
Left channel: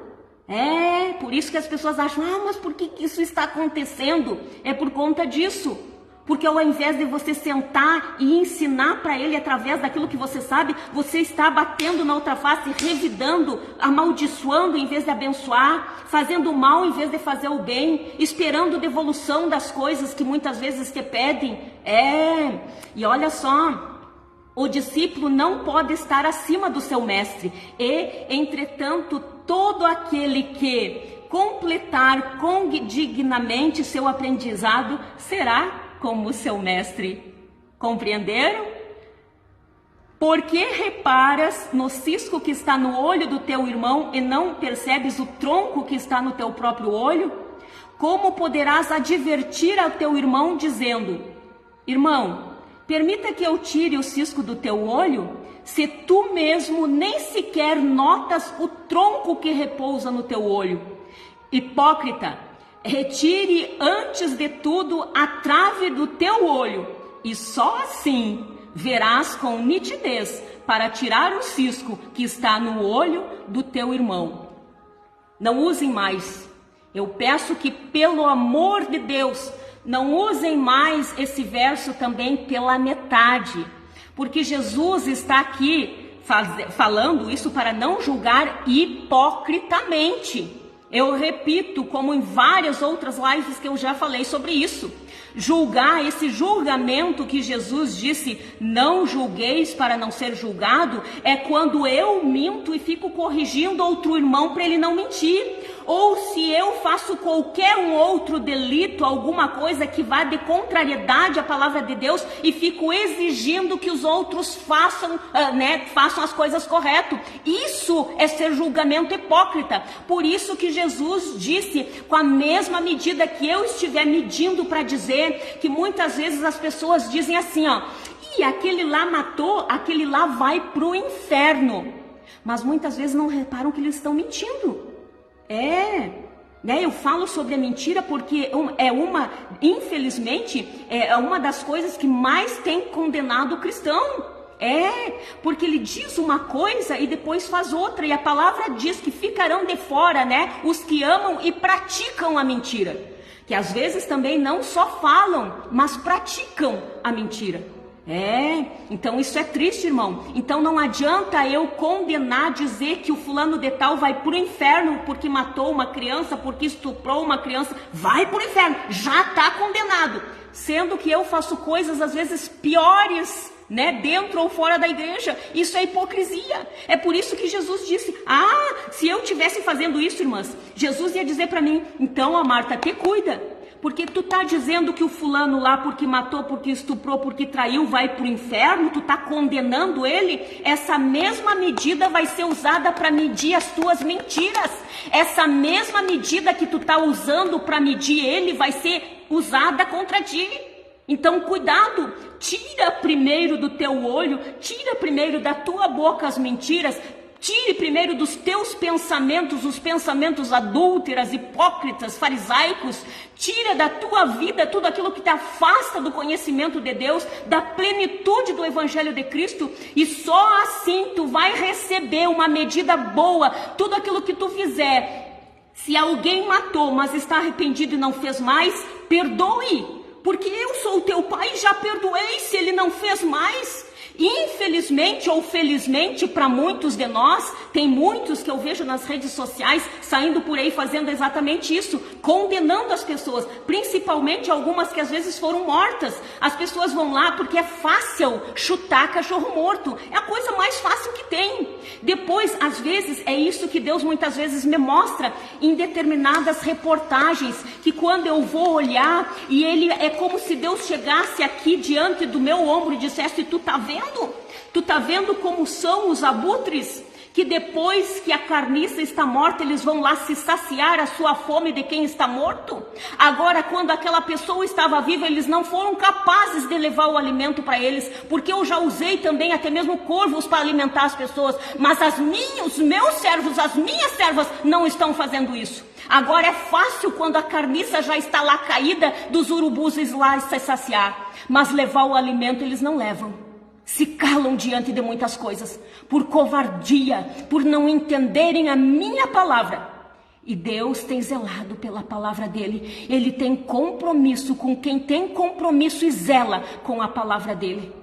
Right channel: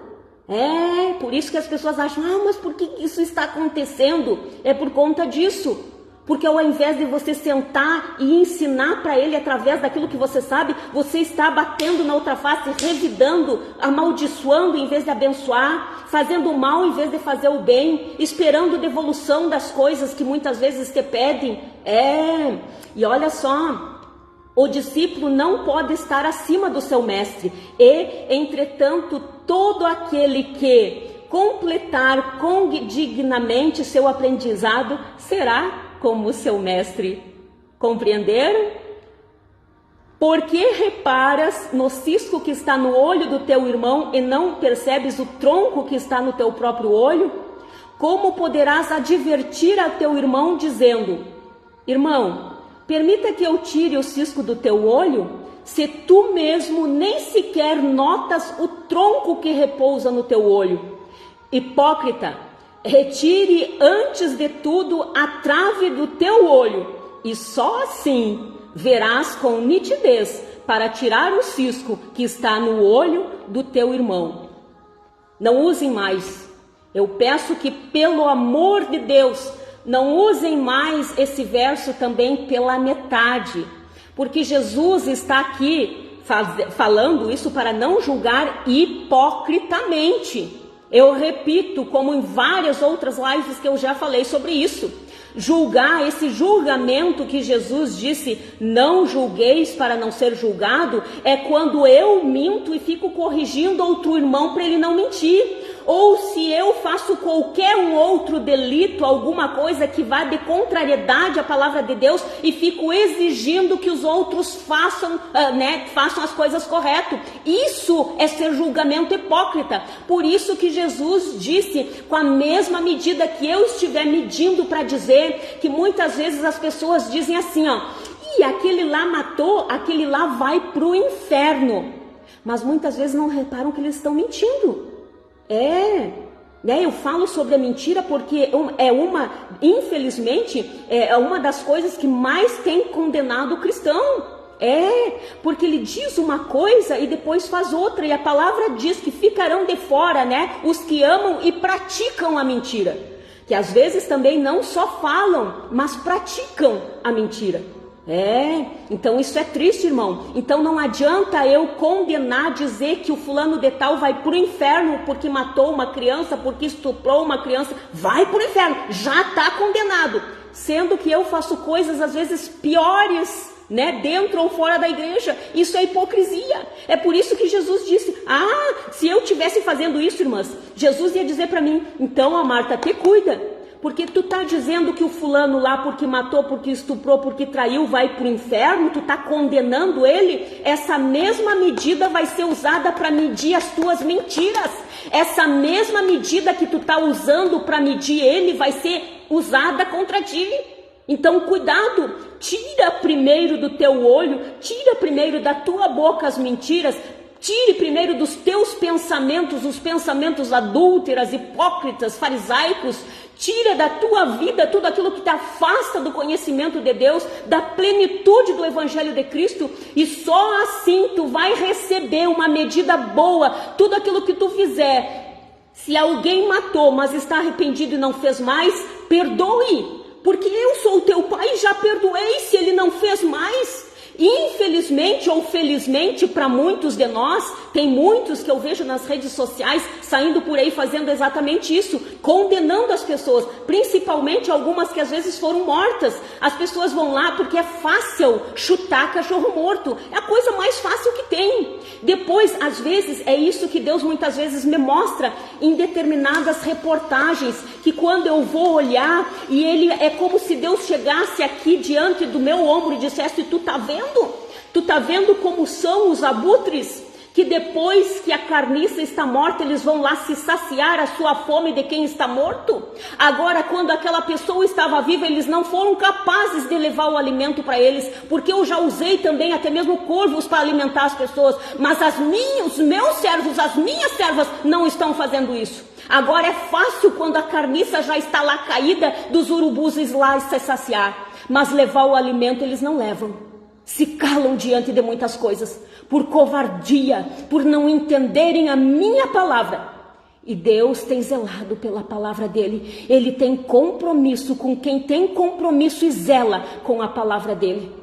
Por isso que as pessoas acham: mas por que isso está acontecendo? É por conta disso. Porque ao invés de você sentar e ensinar para ele através daquilo que você sabe, você está batendo na outra face, revidando, amaldiçoando em vez de abençoar, fazendo o mal em vez de fazer o bem, esperando devolução das coisas que muitas vezes te pedem. E olha só, o discípulo não pode estar acima do seu mestre, e, entretanto, todo aquele que completar dignamente seu aprendizado será como seu mestre. Compreenderam? Porque reparas no cisco que está no olho do teu irmão e não percebes o tronco que está no teu próprio olho? Como poderás advertir ao teu irmão dizendo: irmão, permita que eu tire o cisco do teu olho, se tu mesmo nem sequer notas o tronco que repousa no teu olho? Hipócrita, retire antes de tudo a trave do teu olho, e só assim verás com nitidez para tirar o cisco que está no olho do teu irmão. Não usem mais. Eu peço que, pelo amor de Deus, não usem mais esse verso também pela metade, porque Jesus está aqui falando isso para não julgar hipocritamente. Eu repito, como em várias outras lives que eu já falei sobre isso, julgar, esse julgamento que Jesus disse, não julgueis para não ser julgado, é quando eu minto e fico corrigindo outro irmão para ele não mentir. Ou se eu faço qualquer um outro delito, alguma coisa que vá de contrariedade à palavra de Deus e fico exigindo que os outros façam as coisas corretas. Isso é ser julgamento hipócrita. Por isso que Jesus disse, com a mesma medida que eu estiver medindo para dizer, que muitas vezes as pessoas dizem assim, e aquele lá matou, aquele lá vai para o inferno. Mas muitas vezes não reparam que eles estão mentindo. Eu falo sobre a mentira porque infelizmente, é uma das coisas que mais tem condenado o cristão. Porque ele diz uma coisa e depois faz outra, e a palavra diz que ficarão de fora, os que amam e praticam a mentira, que às vezes também não só falam, mas praticam a mentira. Então isso é triste, irmão. Então não adianta eu condenar, dizer que o fulano de tal vai pro inferno porque matou uma criança, porque estuprou uma criança. Vai pro inferno, já está condenado. Sendo que eu faço coisas às vezes piores, dentro ou fora da igreja. Isso é hipocrisia. É por isso que Jesus disse, se eu estivesse fazendo isso, irmãs, Jesus ia dizer para mim, então, Marta, te cuida. Porque tu tá dizendo que o fulano lá, porque matou, porque estuprou, porque traiu, vai pro inferno, tu tá condenando ele, essa mesma medida vai ser usada para medir as tuas mentiras. Essa mesma medida que tu tá usando para medir ele vai ser usada contra ti. Então, cuidado, tira primeiro do teu olho, tira primeiro da tua boca as mentiras. Tire primeiro dos teus pensamentos, os pensamentos adúlteras, hipócritas, farisaicos. Tira da tua vida tudo aquilo que te afasta do conhecimento de Deus, da plenitude do Evangelho de Cristo. E só assim tu vai receber uma medida boa. Tudo aquilo que tu fizer. Se alguém matou, mas está arrependido e não fez mais, perdoe. Porque eu sou o teu pai e já perdoei se ele não fez mais. Infelizmente ou felizmente para muitos de nós, tem muitos que eu vejo nas redes sociais saindo por aí fazendo exatamente isso, condenando as pessoas, principalmente algumas que às vezes foram mortas. As pessoas vão lá porque é fácil chutar cachorro morto, é a coisa mais fácil que tem. Depois, às vezes, é isso que Deus muitas vezes me mostra em determinadas reportagens, que quando eu vou olhar, e ele é como se Deus chegasse aqui diante do meu ombro e dissesse, tu tá vendo? Tu tá vendo como são os abutres? Que depois que a carniça está morta, eles vão lá se saciar a sua fome de quem está morto? Agora, quando aquela pessoa estava viva, eles não foram capazes de levar o alimento para eles, porque eu já usei também até mesmo corvos para alimentar as pessoas, mas os meus servos, as minhas servas não estão fazendo isso. Agora é fácil quando a carniça já está lá caída dos urubus lá se saciar, mas levar o alimento eles não levam. Se calam diante de muitas coisas, por covardia, por não entenderem a minha palavra. E Deus tem zelado pela palavra dele. Ele tem compromisso com quem tem compromisso e zela com a palavra dele.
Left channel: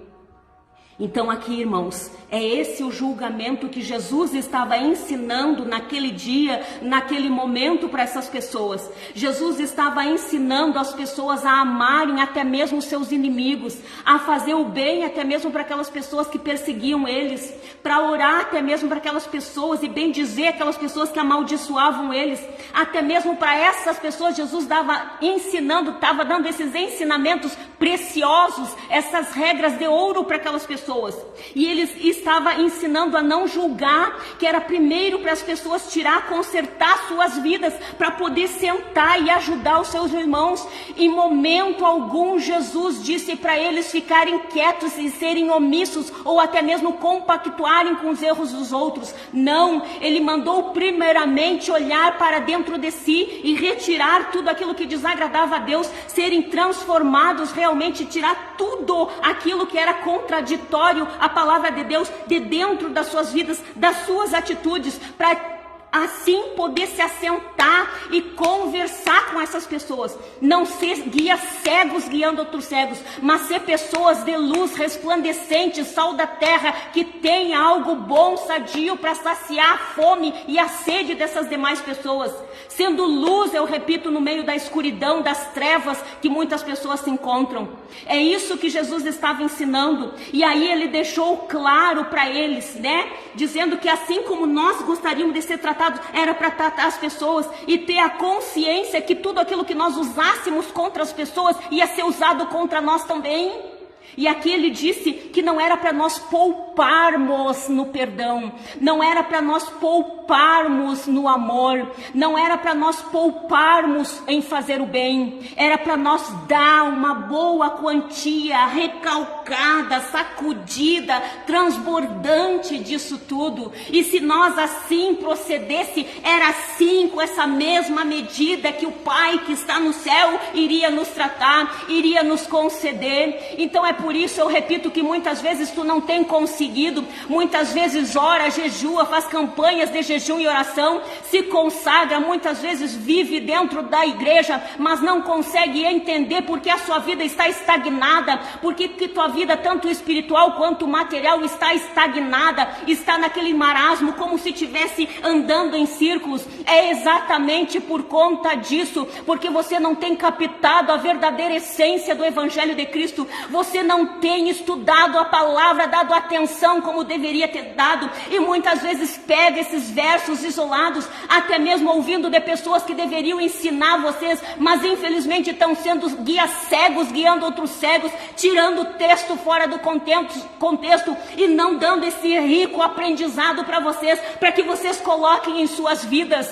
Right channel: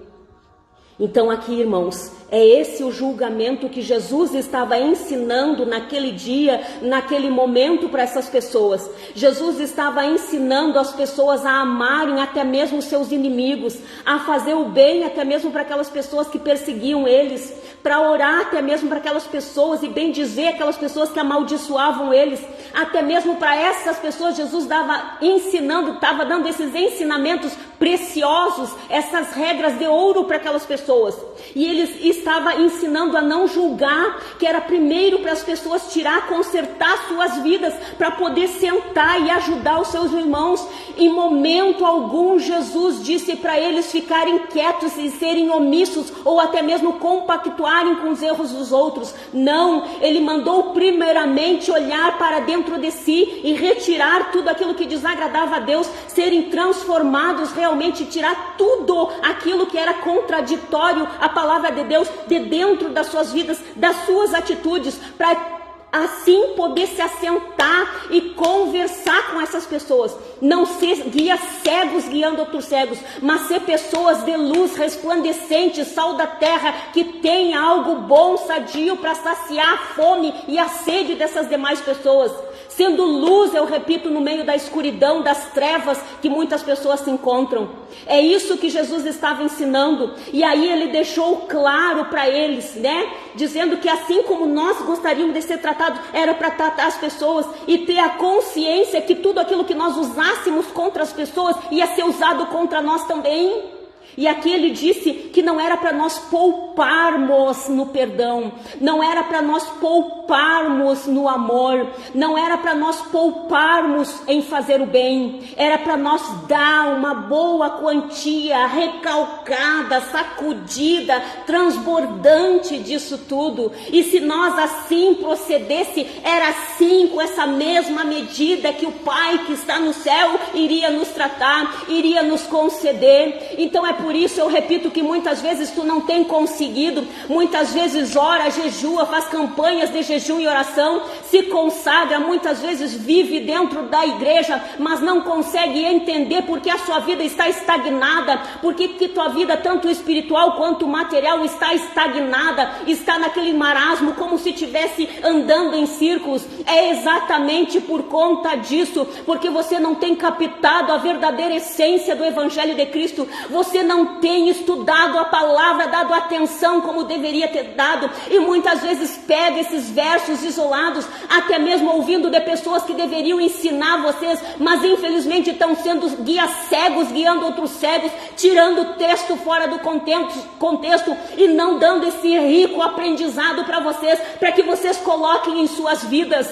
Então aqui, irmãos, é esse o julgamento que Jesus estava ensinando naquele dia, naquele momento para essas pessoas. Jesus estava ensinando as pessoas a amarem até mesmo seus inimigos, a fazer o bem até mesmo para aquelas pessoas que perseguiam eles, para orar até mesmo para aquelas pessoas e bendizer aquelas pessoas que amaldiçoavam eles. Até mesmo para essas pessoas Jesus estava ensinando, estava dando esses ensinamentos preciosos, essas regras de ouro para aquelas pessoas. E ele estava ensinando a não julgar, que era primeiro para as pessoas tirar, consertar suas vidas, para poder sentar e ajudar os seus irmãos. Em momento algum, Jesus disse para eles ficarem quietos e serem omissos, ou até mesmo compactuarem com os erros dos outros. Não, ele mandou primeiramente olhar para dentro de si e retirar tudo aquilo que desagradava a Deus, serem transformados realmente, tirar tudo aquilo que era contraditório à palavra de Deus de dentro das suas vidas, das suas atitudes, para assim poder se assentar e conversar com essas pessoas. Não ser guias cegos guiando outros cegos, mas ser pessoas de luz, resplandecentes, sal da terra, que tem algo bom, sadio, para saciar a fome e a sede dessas demais pessoas. Sendo luz, eu repito, no meio da escuridão, das trevas que muitas pessoas se encontram. É isso que Jesus estava ensinando. E aí ele deixou claro para eles, né? Dizendo que assim como nós gostaríamos de ser tratados, era para tratar as pessoas e ter a consciência que tudo aquilo que nós usássemos contra as pessoas ia ser usado contra nós também. E aqui ele disse que não era para nós pouparmos no perdão, não era para nós pouparmos no amor, não era para nós pouparmos em fazer o bem, era para nós dar uma boa quantia, recalcada, sacudida, transbordante disso tudo. E se nós assim procedesse, era assim, com essa mesma medida que o Pai que está no céu iria nos tratar, iria nos conceder. Então é por isso eu repito que muitas vezes tu não tem conseguido, muitas vezes ora, jejua, faz campanhas de jejum e oração, se consagra, muitas vezes vive dentro da igreja, mas não consegue entender porque a sua vida está estagnada, porque que tua vida, tanto espiritual quanto material, está estagnada, está naquele marasmo, como se estivesse andando em círculos. É exatamente por conta disso, porque você não tem captado a verdadeira essência do Evangelho de Cristo, você não tem estudado a palavra, dado atenção como deveria ter dado, e muitas vezes pega esses versos isolados, até mesmo ouvindo de pessoas que deveriam ensinar vocês, mas infelizmente estão sendo guias cegos, guiando outros cegos, tirando o texto fora do contexto e não dando esse rico aprendizado para vocês, para que vocês coloquem em suas vidas.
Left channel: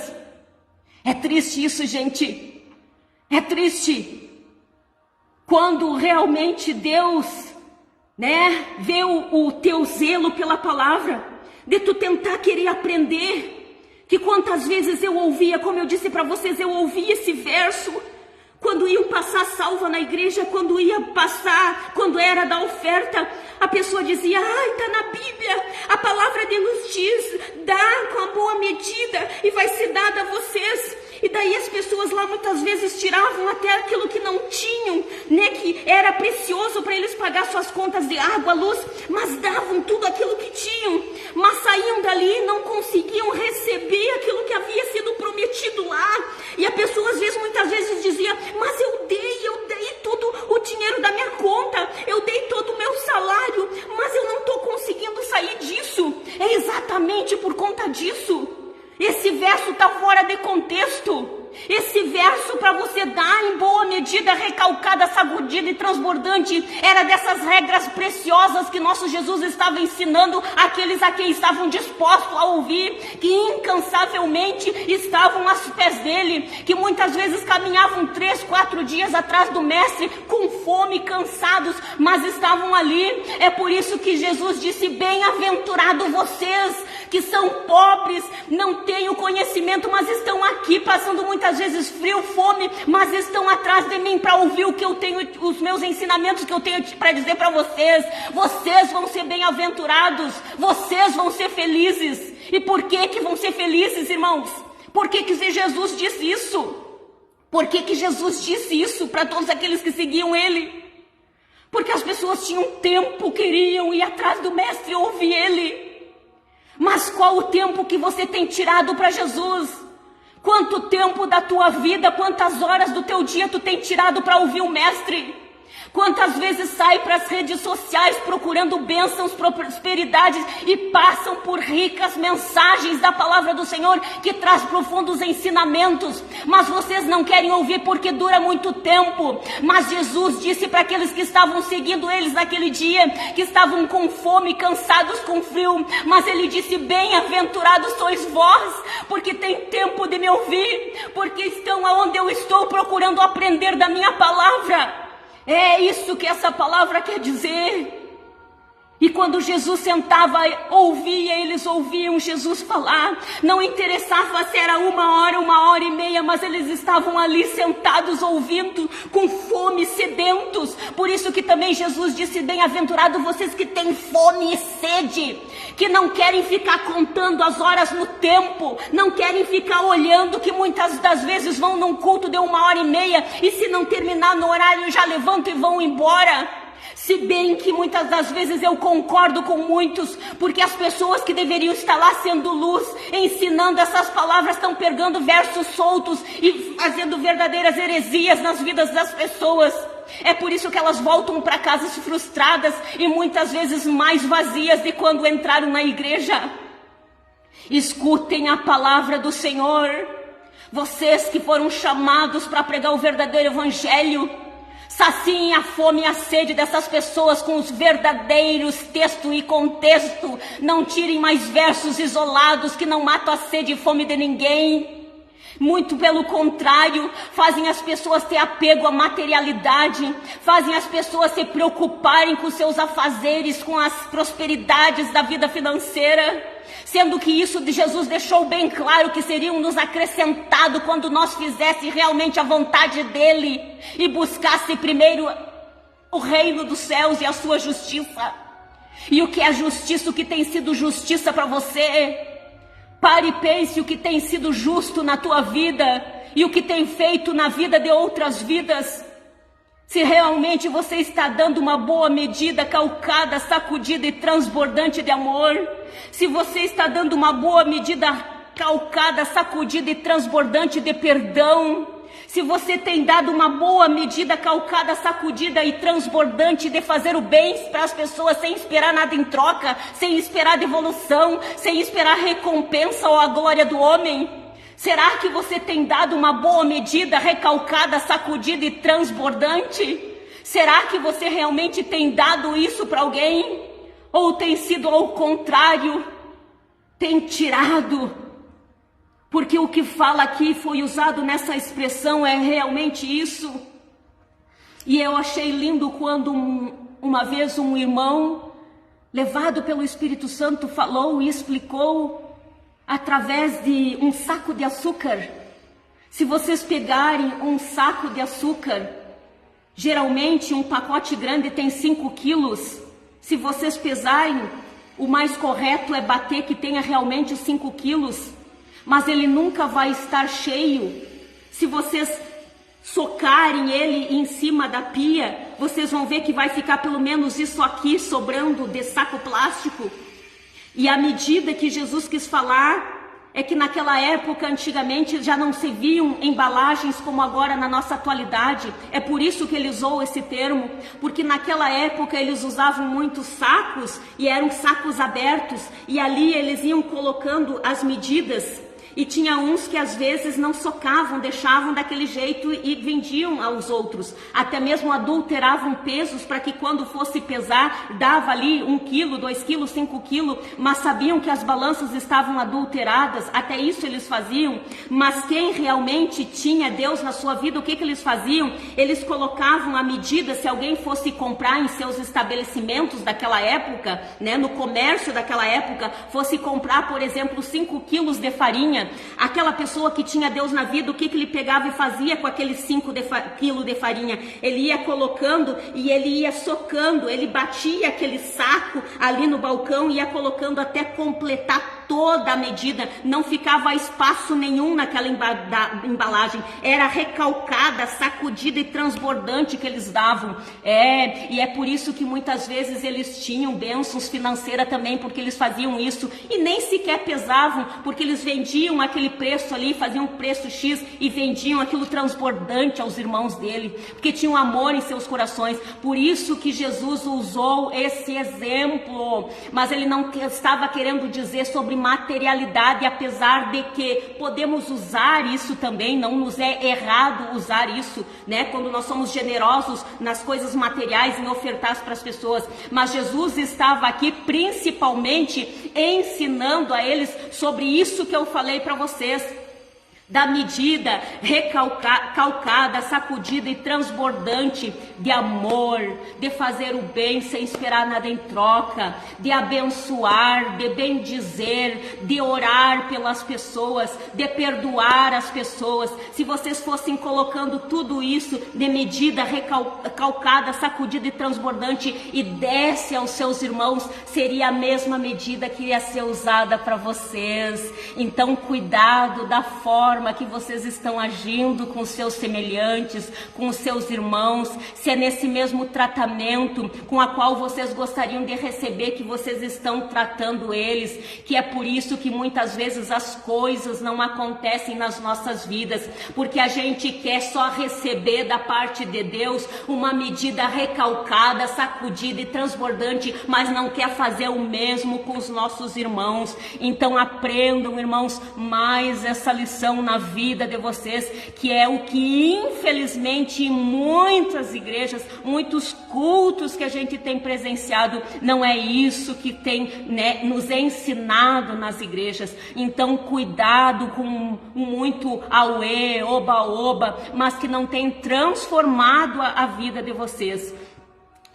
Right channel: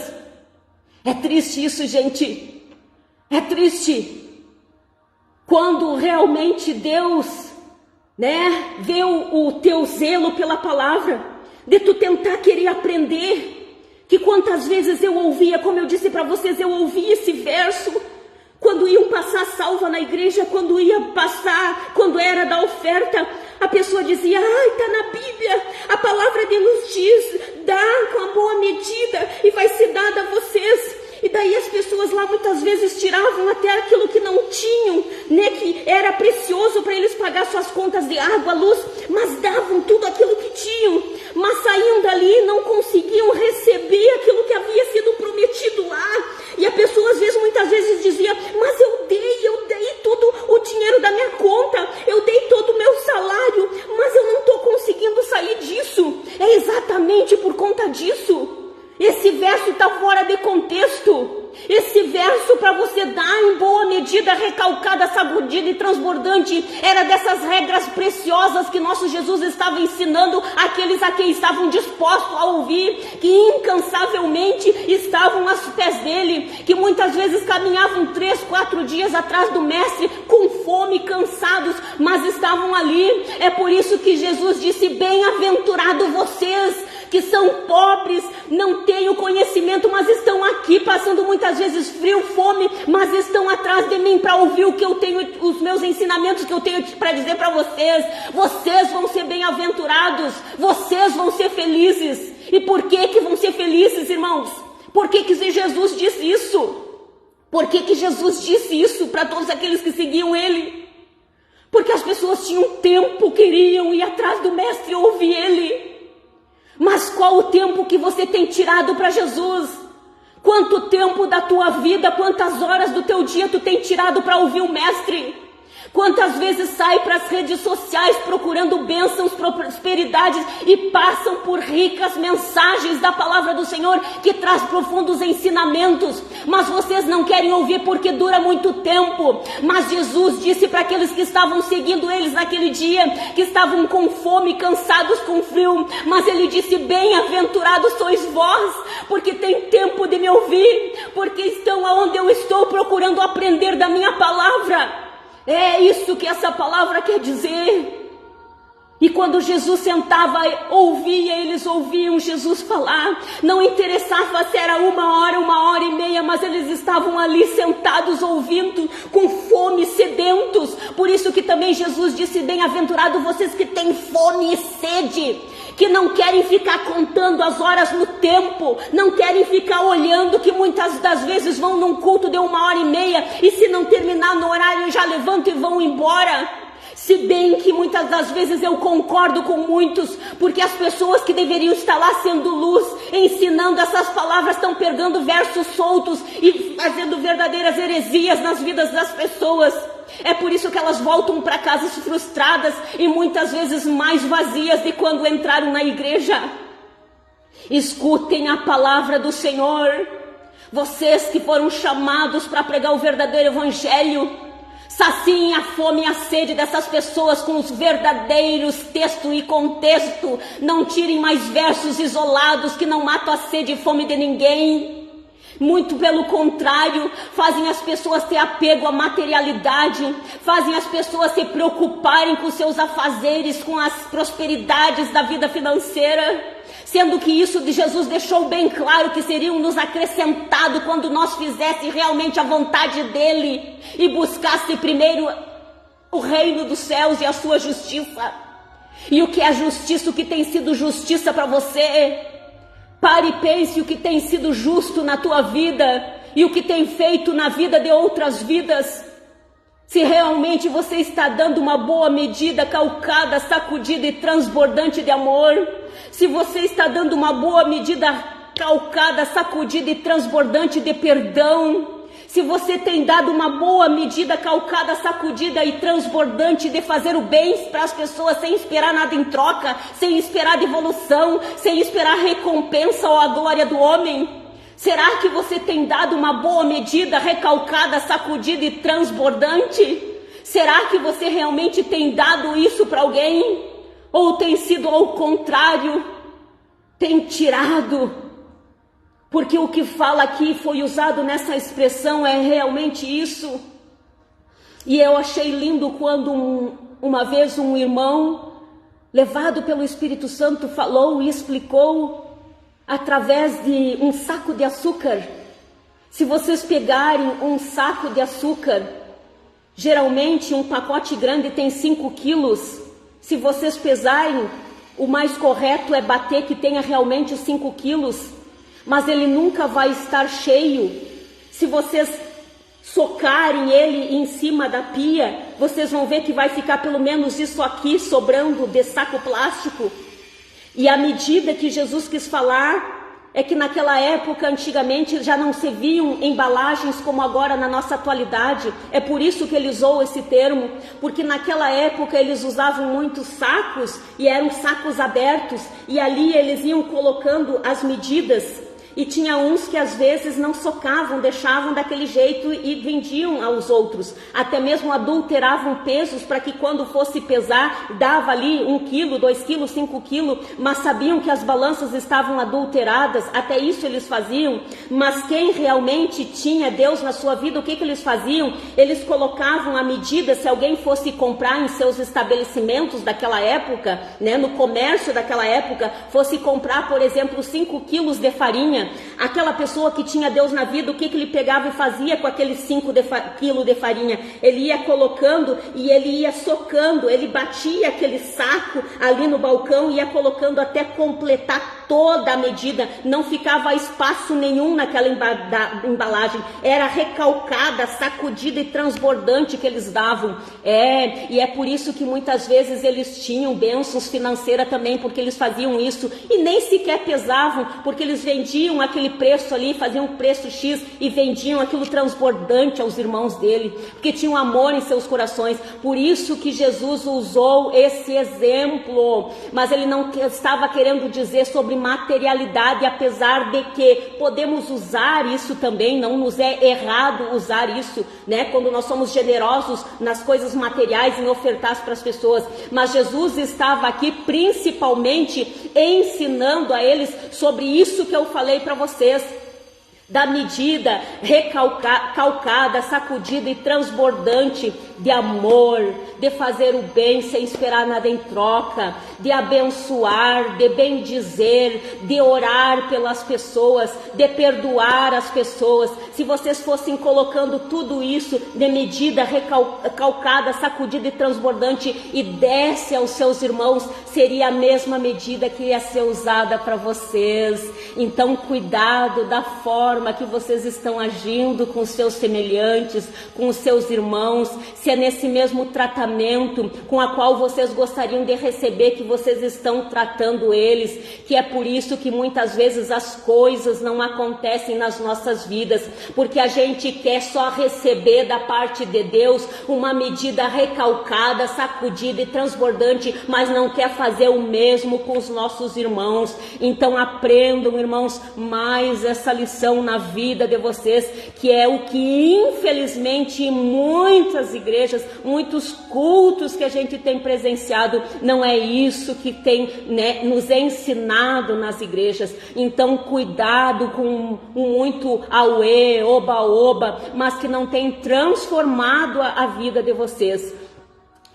É triste isso, gente, é triste. Quando realmente Deus, né, vê o teu zelo pela palavra, de tu tentar querer aprender, que quantas vezes eu ouvia, como eu disse para vocês, eu ouvia esse verso, quando iam passar salva na igreja, quando ia passar, quando era da oferta, a pessoa dizia, está na Bíblia, a palavra de Deus diz, dá com a boa medida e vai ser dada a vocês. E daí as pessoas lá muitas vezes tiravam até aquilo que não tinham, né, que era precioso para eles pagar suas contas de água, luz, mas davam tudo aquilo que tinham, mas saíam dali e não conseguiam receber aquilo que havia sido prometido lá. E a pessoa às vezes, muitas vezes dizia, mas eu dei todo o dinheiro da minha conta, eu dei todo o meu salário, mas eu não estou conseguindo sair disso. É exatamente por conta disso. Esse verso está fora de contexto. Esse verso para você dar em boa medida, recalcada, sacudida e transbordante, era dessas regras preciosas que nosso Jesus estava ensinando àqueles a quem estavam dispostos a ouvir, que incansavelmente estavam aos pés dele, que muitas vezes caminhavam 3, 4 dias atrás do mestre, com fome, cansados, mas estavam ali. É por isso que Jesus disse, bem-aventurado vocês, que são pobres, não têm o conhecimento, mas estão aqui passando muitas vezes frio, fome, mas estão atrás de mim para ouvir o que eu tenho, os meus ensinamentos que eu tenho para dizer para vocês. Vocês vão ser bem-aventurados, vocês vão ser felizes. E por que vão ser felizes, irmãos? Por que Jesus disse isso? Por que Jesus disse isso para todos aqueles que seguiam ele? Porque as pessoas tinham tempo, queriam ir atrás do mestre e ouvir ele. Mas qual o tempo que você tem tirado para Jesus? Quanto tempo da tua vida, quantas horas do teu dia tu tem tirado para ouvir o mestre? Quantas vezes saem para as redes sociais procurando bênçãos, prosperidades e passam por ricas mensagens da palavra do Senhor que traz profundos ensinamentos, mas vocês não querem ouvir porque dura muito tempo. Mas Jesus disse para aqueles que estavam seguindo eles naquele dia, que estavam com fome, cansados com frio, mas ele disse: bem-aventurados sois vós, porque tem tempo de me ouvir, porque estão aonde eu estou procurando aprender da minha palavra. É isso que essa palavra quer dizer. E quando Jesus sentava, ouvia, eles ouviam Jesus falar. Não interessava se era 1 hora e meia, mas eles estavam ali sentados ouvindo, com fome, sedentos. Por isso que também Jesus disse: bem-aventurado vocês que têm fome e sede, que não querem ficar contando as horas no tempo, não querem ficar olhando, que muitas das vezes vão num culto de 1 hora e meia e se não terminar no horário já levantam e vão embora. Se bem que muitas das vezes eu concordo com muitos, porque as pessoas que deveriam estar lá sendo luz, ensinando essas palavras, estão pegando versos soltos e fazendo verdadeiras heresias nas vidas das pessoas. É por isso que elas voltam para casa frustradas e muitas vezes mais vazias de quando entraram na igreja. Escutem a palavra do Senhor. Vocês que foram chamados para pregar o verdadeiro evangelho, saciem a fome e a sede dessas pessoas com os verdadeiros texto e contexto. Não tirem mais versos isolados que não matam a sede e fome de ninguém. Muito pelo contrário, fazem as pessoas ter apego à materialidade, fazem as pessoas se preocuparem com seus afazeres, com as prosperidades da vida financeira, sendo que isso de Jesus deixou bem claro que seriam nos acrescentado quando nós fizesse realmente a vontade dele e buscasse primeiro o reino dos céus e a sua justiça. E o que é justiça, o que tem sido justiça para você? Pare e pense o que tem sido justo na tua vida e o que tem feito na vida de outras vidas. Se realmente você está dando uma boa medida, calcada, sacudida e transbordante de amor, se você está dando uma boa medida calcada, sacudida e transbordante de perdão, se você tem dado uma boa medida calcada, sacudida e transbordante de fazer o bem para as pessoas sem esperar nada em troca, sem esperar devolução, sem esperar recompensa ou a glória do homem, será que você tem dado uma boa medida recalcada, sacudida e transbordante? Será que você realmente tem dado isso para alguém? Ou tem sido ao contrário, tem tirado? Porque o que fala aqui foi usado nessa expressão é realmente isso. E eu achei lindo quando uma vez um irmão, levado pelo Espírito Santo, falou e explicou através de um saco de açúcar. Se vocês pegarem um saco de açúcar, geralmente um pacote grande tem 5 quilos. Se vocês pesarem, o mais correto é bater que tenha realmente 5 quilos. Mas ele nunca vai estar cheio. Se vocês socarem ele em cima da pia, vocês vão ver que vai ficar pelo menos isso aqui sobrando de saco plástico. E a medida que Jesus quis falar é que naquela época, antigamente, já não se viam embalagens como agora na nossa atualidade. É por isso que ele usou esse termo, porque naquela época eles usavam muitos sacos e eram sacos abertos, e ali eles iam colocando as medidas. E tinha uns que às vezes não socavam, deixavam daquele jeito e vendiam aos outros. Até mesmo adulteravam pesos para que quando fosse pesar, dava ali 1 quilo, 2 quilos, 5 quilos, mas sabiam que as balanças estavam adulteradas, até isso eles faziam. Mas quem realmente tinha Deus na sua vida, o que eles faziam? Eles colocavam a medida, se alguém fosse comprar em seus estabelecimentos daquela época, né, no comércio daquela época, fosse comprar, por exemplo, 5 quilos de farinha, aquela pessoa que tinha Deus na vida, o que ele pegava e fazia com aqueles 5 quilos de farinha? Ele ia colocando e ele ia socando, ele batia aquele saco ali no balcão e ia colocando até completar toda a medida, não ficava espaço nenhum naquela embalagem, era recalcada, sacudida e transbordante que eles davam. E é por isso que muitas vezes eles tinham bênçãos financeiras também, porque eles faziam isso e nem sequer pesavam, porque eles vendiam aquele aquele preço ali, faziam um preço X e vendiam aquilo transbordante aos irmãos dele, porque tinham amor em seus corações. Por isso que Jesus usou esse exemplo, mas ele não estava querendo dizer sobre materialidade, apesar de que podemos usar isso também, não nos é errado usar isso, né? Quando nós somos generosos nas coisas materiais, em ofertar para as pessoas. Mas Jesus estava aqui principalmente ensinando a eles sobre isso que eu falei para vocês, da medida recalcada, sacudida e transbordante de amor, de fazer o bem sem esperar nada em troca, de abençoar, de bendizer, de orar pelas pessoas, de perdoar as pessoas. Se vocês fossem colocando tudo isso de medida recalcada, sacudida e transbordante e desse aos seus irmãos, seria a mesma medida que ia ser usada para vocês. Então, cuidado da forma que vocês estão agindo com seus semelhantes, com os seus irmãos, se é nesse mesmo tratamento com a qual vocês gostariam de receber que vocês estão tratando eles, que é por isso que muitas vezes as coisas não acontecem nas nossas vidas, porque a gente quer só receber da parte de Deus uma medida recalcada, sacudida e transbordante, mas não quer fazer o mesmo com os nossos irmãos. Então aprendam, irmãos, mais essa lição na vida de vocês, que é o que infelizmente em muitas igrejas, muitos cultos que a gente tem presenciado, não é isso que tem, né, nos ensinado nas igrejas. Então cuidado com muito auê, oba-oba, mas que não tem transformado a vida de vocês.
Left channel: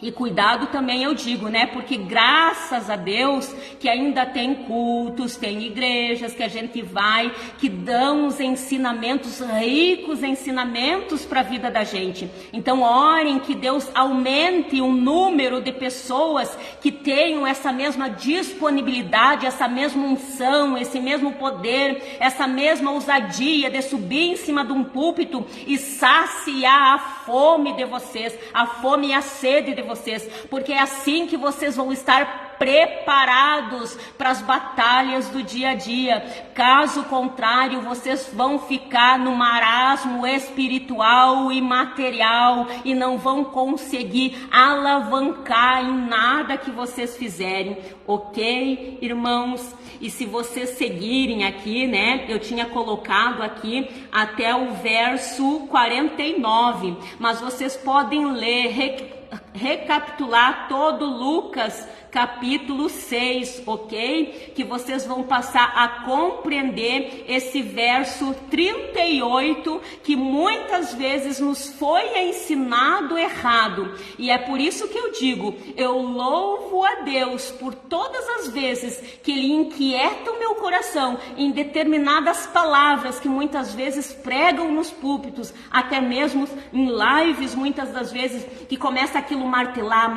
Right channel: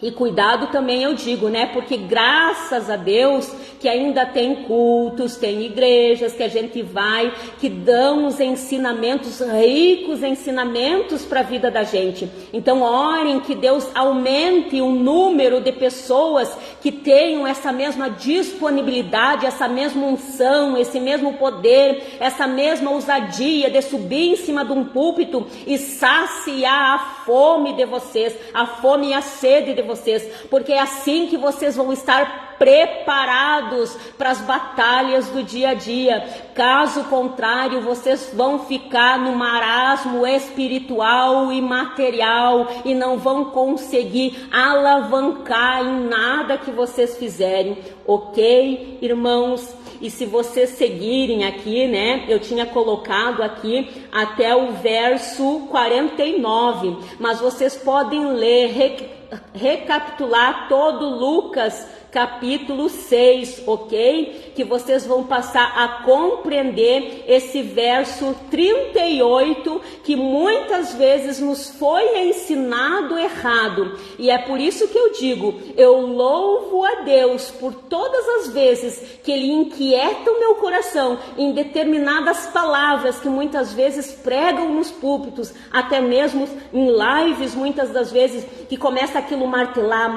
E cuidado também, eu digo, né? Porque graças a Deus que ainda tem cultos, tem igrejas que a gente vai, que dão os ensinamentos, ricos ensinamentos para a vida da gente. Então orem que Deus aumente o número de pessoas que tenham essa mesma disponibilidade, essa mesma unção, esse mesmo poder, essa mesma ousadia de subir em cima de um púlpito e saciar a fome de vocês, a fome e a sede de vocês, porque é assim que vocês vão estar preparados para as batalhas do dia a dia. Caso contrário, vocês vão ficar no marasmo espiritual e material e não vão conseguir alavancar em nada que vocês fizerem, ok, irmãos? E se vocês seguirem aqui, né, eu tinha colocado aqui até o verso 49, mas vocês podem ler, recapitular todo Lucas capítulo 6, ok? Que vocês vão passar a compreender esse verso 38, que muitas vezes nos foi ensinado errado. E é por isso que eu digo, eu louvo a Deus por todas as vezes que Ele inquieta o meu coração em determinadas palavras que muitas vezes pregam nos púlpitos, até mesmo em lives, muitas das vezes, que começa aquilo martelar,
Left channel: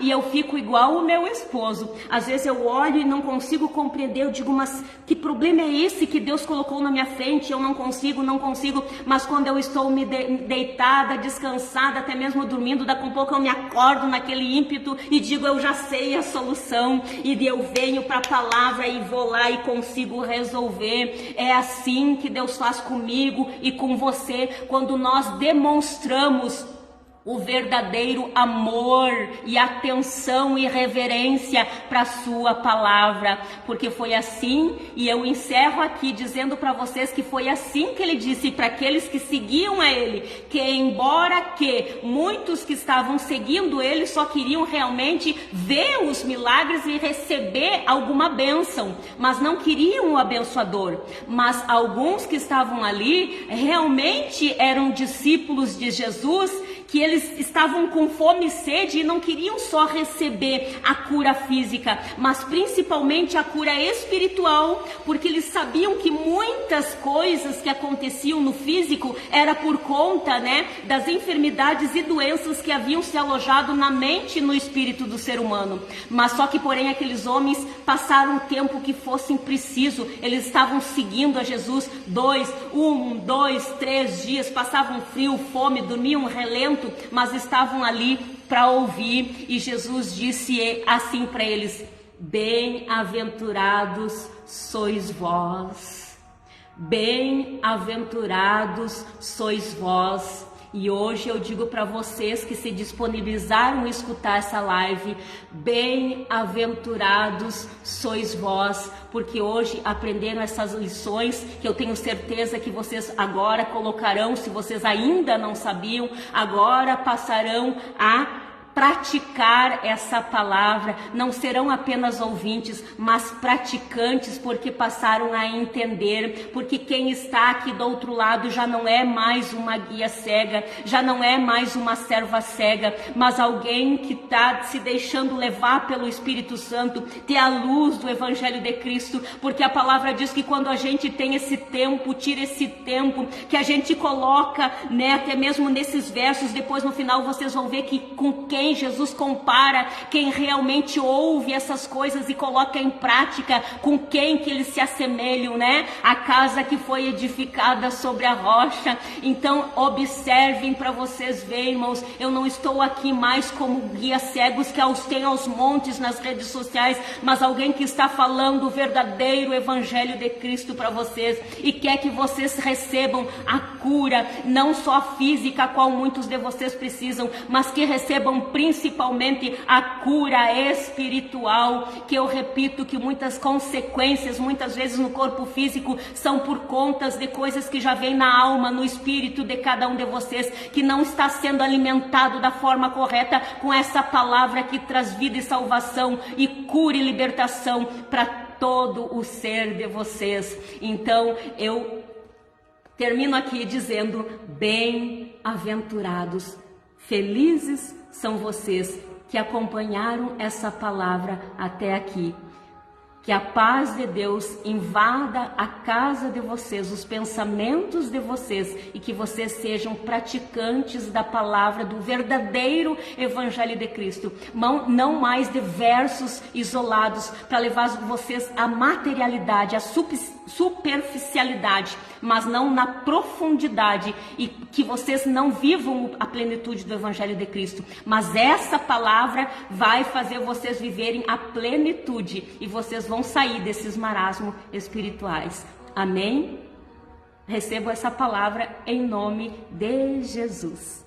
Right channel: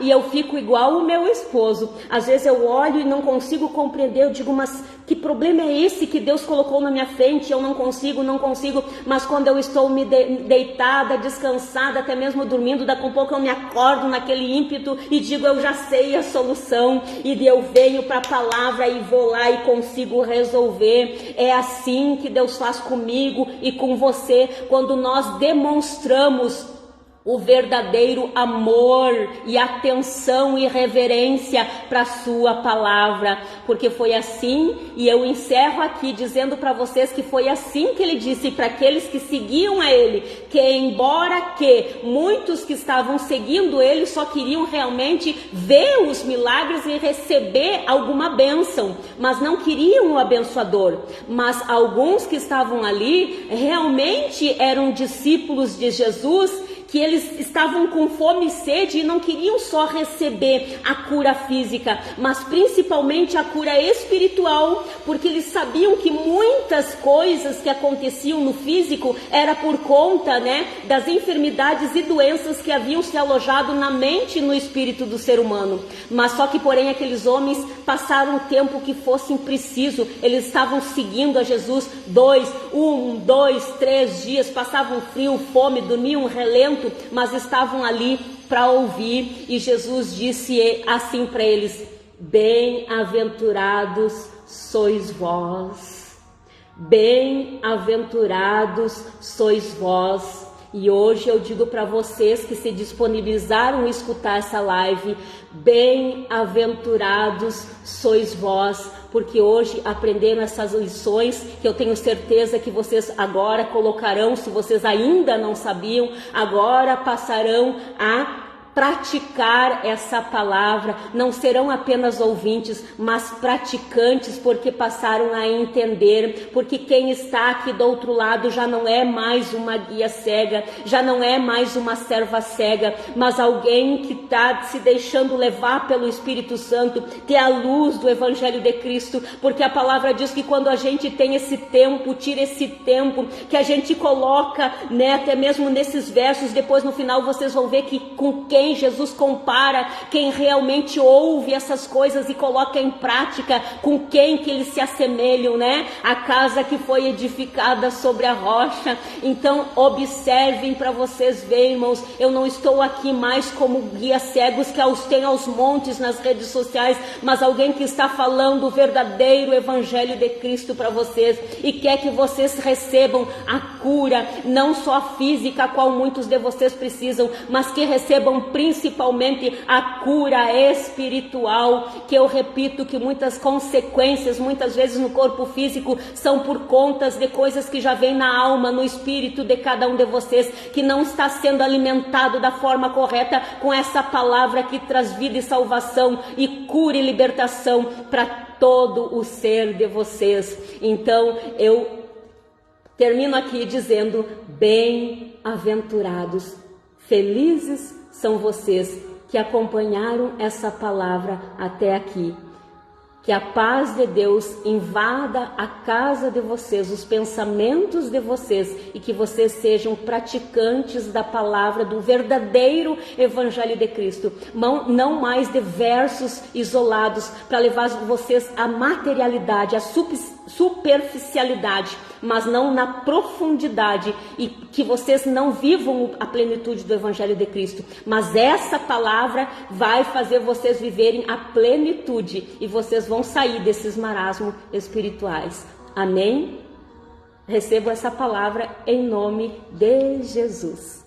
e eu fico igual o meu esposo. Às vezes eu olho e não consigo compreender, eu digo, mas que problema é esse que Deus colocou na minha frente? Eu não consigo, mas quando eu estou deitada, descansada, até mesmo dormindo, daqui a pouco eu me acordo naquele ímpeto e digo, eu já sei a solução, e eu venho para a palavra e vou lá e consigo resolver. É assim que Deus faz comigo e com você, quando nós demonstramos o verdadeiro amor e atenção e reverência para a sua palavra, porque foi assim, e eu encerro aqui dizendo para vocês que foi assim que ele disse para aqueles que seguiam a ele, que embora que muitos que estavam seguindo ele só queriam realmente ver os milagres e receber alguma bênção, mas não queriam o abençoador, mas alguns que estavam ali realmente eram discípulos de Jesus, que eles estavam com fome e sede e não queriam só receber a cura física, mas principalmente a cura espiritual, porque eles sabiam que muitas coisas que aconteciam no físico era por conta, né, das enfermidades e doenças que haviam se alojado na mente e no espírito do ser humano. Mas só que, porém, aqueles homens passaram o tempo que fosse preciso, eles estavam seguindo a Jesus 2, 3 dias, passavam frio, fome, dormiam relento, mas estavam ali para ouvir, e Jesus disse assim para eles: bem-aventurados sois vós, Bem-aventurados sois vós. E hoje eu digo para vocês que se disponibilizaram a escutar essa live, bem-aventurados sois vós, porque hoje aprenderam essas lições que eu tenho certeza que vocês agora colocarão, se vocês ainda não sabiam, agora passarão a praticar essa palavra. Não serão apenas ouvintes, mas praticantes, porque passaram a entender, porque quem está aqui do outro lado já não é mais uma guia cega, já não é mais uma serva cega, mas alguém que está se deixando levar pelo Espírito Santo, ter a luz do Evangelho de Cristo, porque a palavra diz que quando a gente tem esse tempo, tira esse tempo, que a gente coloca, né, até mesmo nesses versos, depois no final vocês vão ver que com quem Jesus compara, quem realmente ouve essas coisas e coloca em prática, com quem que eles se assemelham, né? A casa que foi edificada sobre a rocha. Então observem para vocês verem, irmãos, eu não estou aqui mais como guia cegos que tem aos montes nas redes sociais, mas alguém que está falando o verdadeiro Evangelho de Cristo para vocês e quer que vocês recebam a cura, não só física, a qual muitos de vocês precisam, mas que recebam principalmente a cura espiritual, que eu repito que muitas consequências, muitas vezes no corpo físico, são por contas de coisas que já vêm na alma, no espírito de cada um de vocês, que não está sendo alimentado da forma correta com essa palavra que traz vida e salvação e cura e libertação para todo o ser de vocês. Então eu termino aqui dizendo: bem-aventurados, felizes são vocês que acompanharam essa palavra até aqui. Que a paz de Deus invada a casa de vocês, os pensamentos de vocês, e que vocês sejam praticantes da palavra, do verdadeiro Evangelho de Cristo. Não mais de versos isolados para levar vocês à materialidade, à superficialidade, mas não na profundidade, e que vocês não vivam a plenitude do Evangelho de Cristo. Mas essa palavra vai fazer vocês viverem a plenitude e vocês vão sair desses marasmos espirituais. Amém? Recebo essa palavra em nome de Jesus.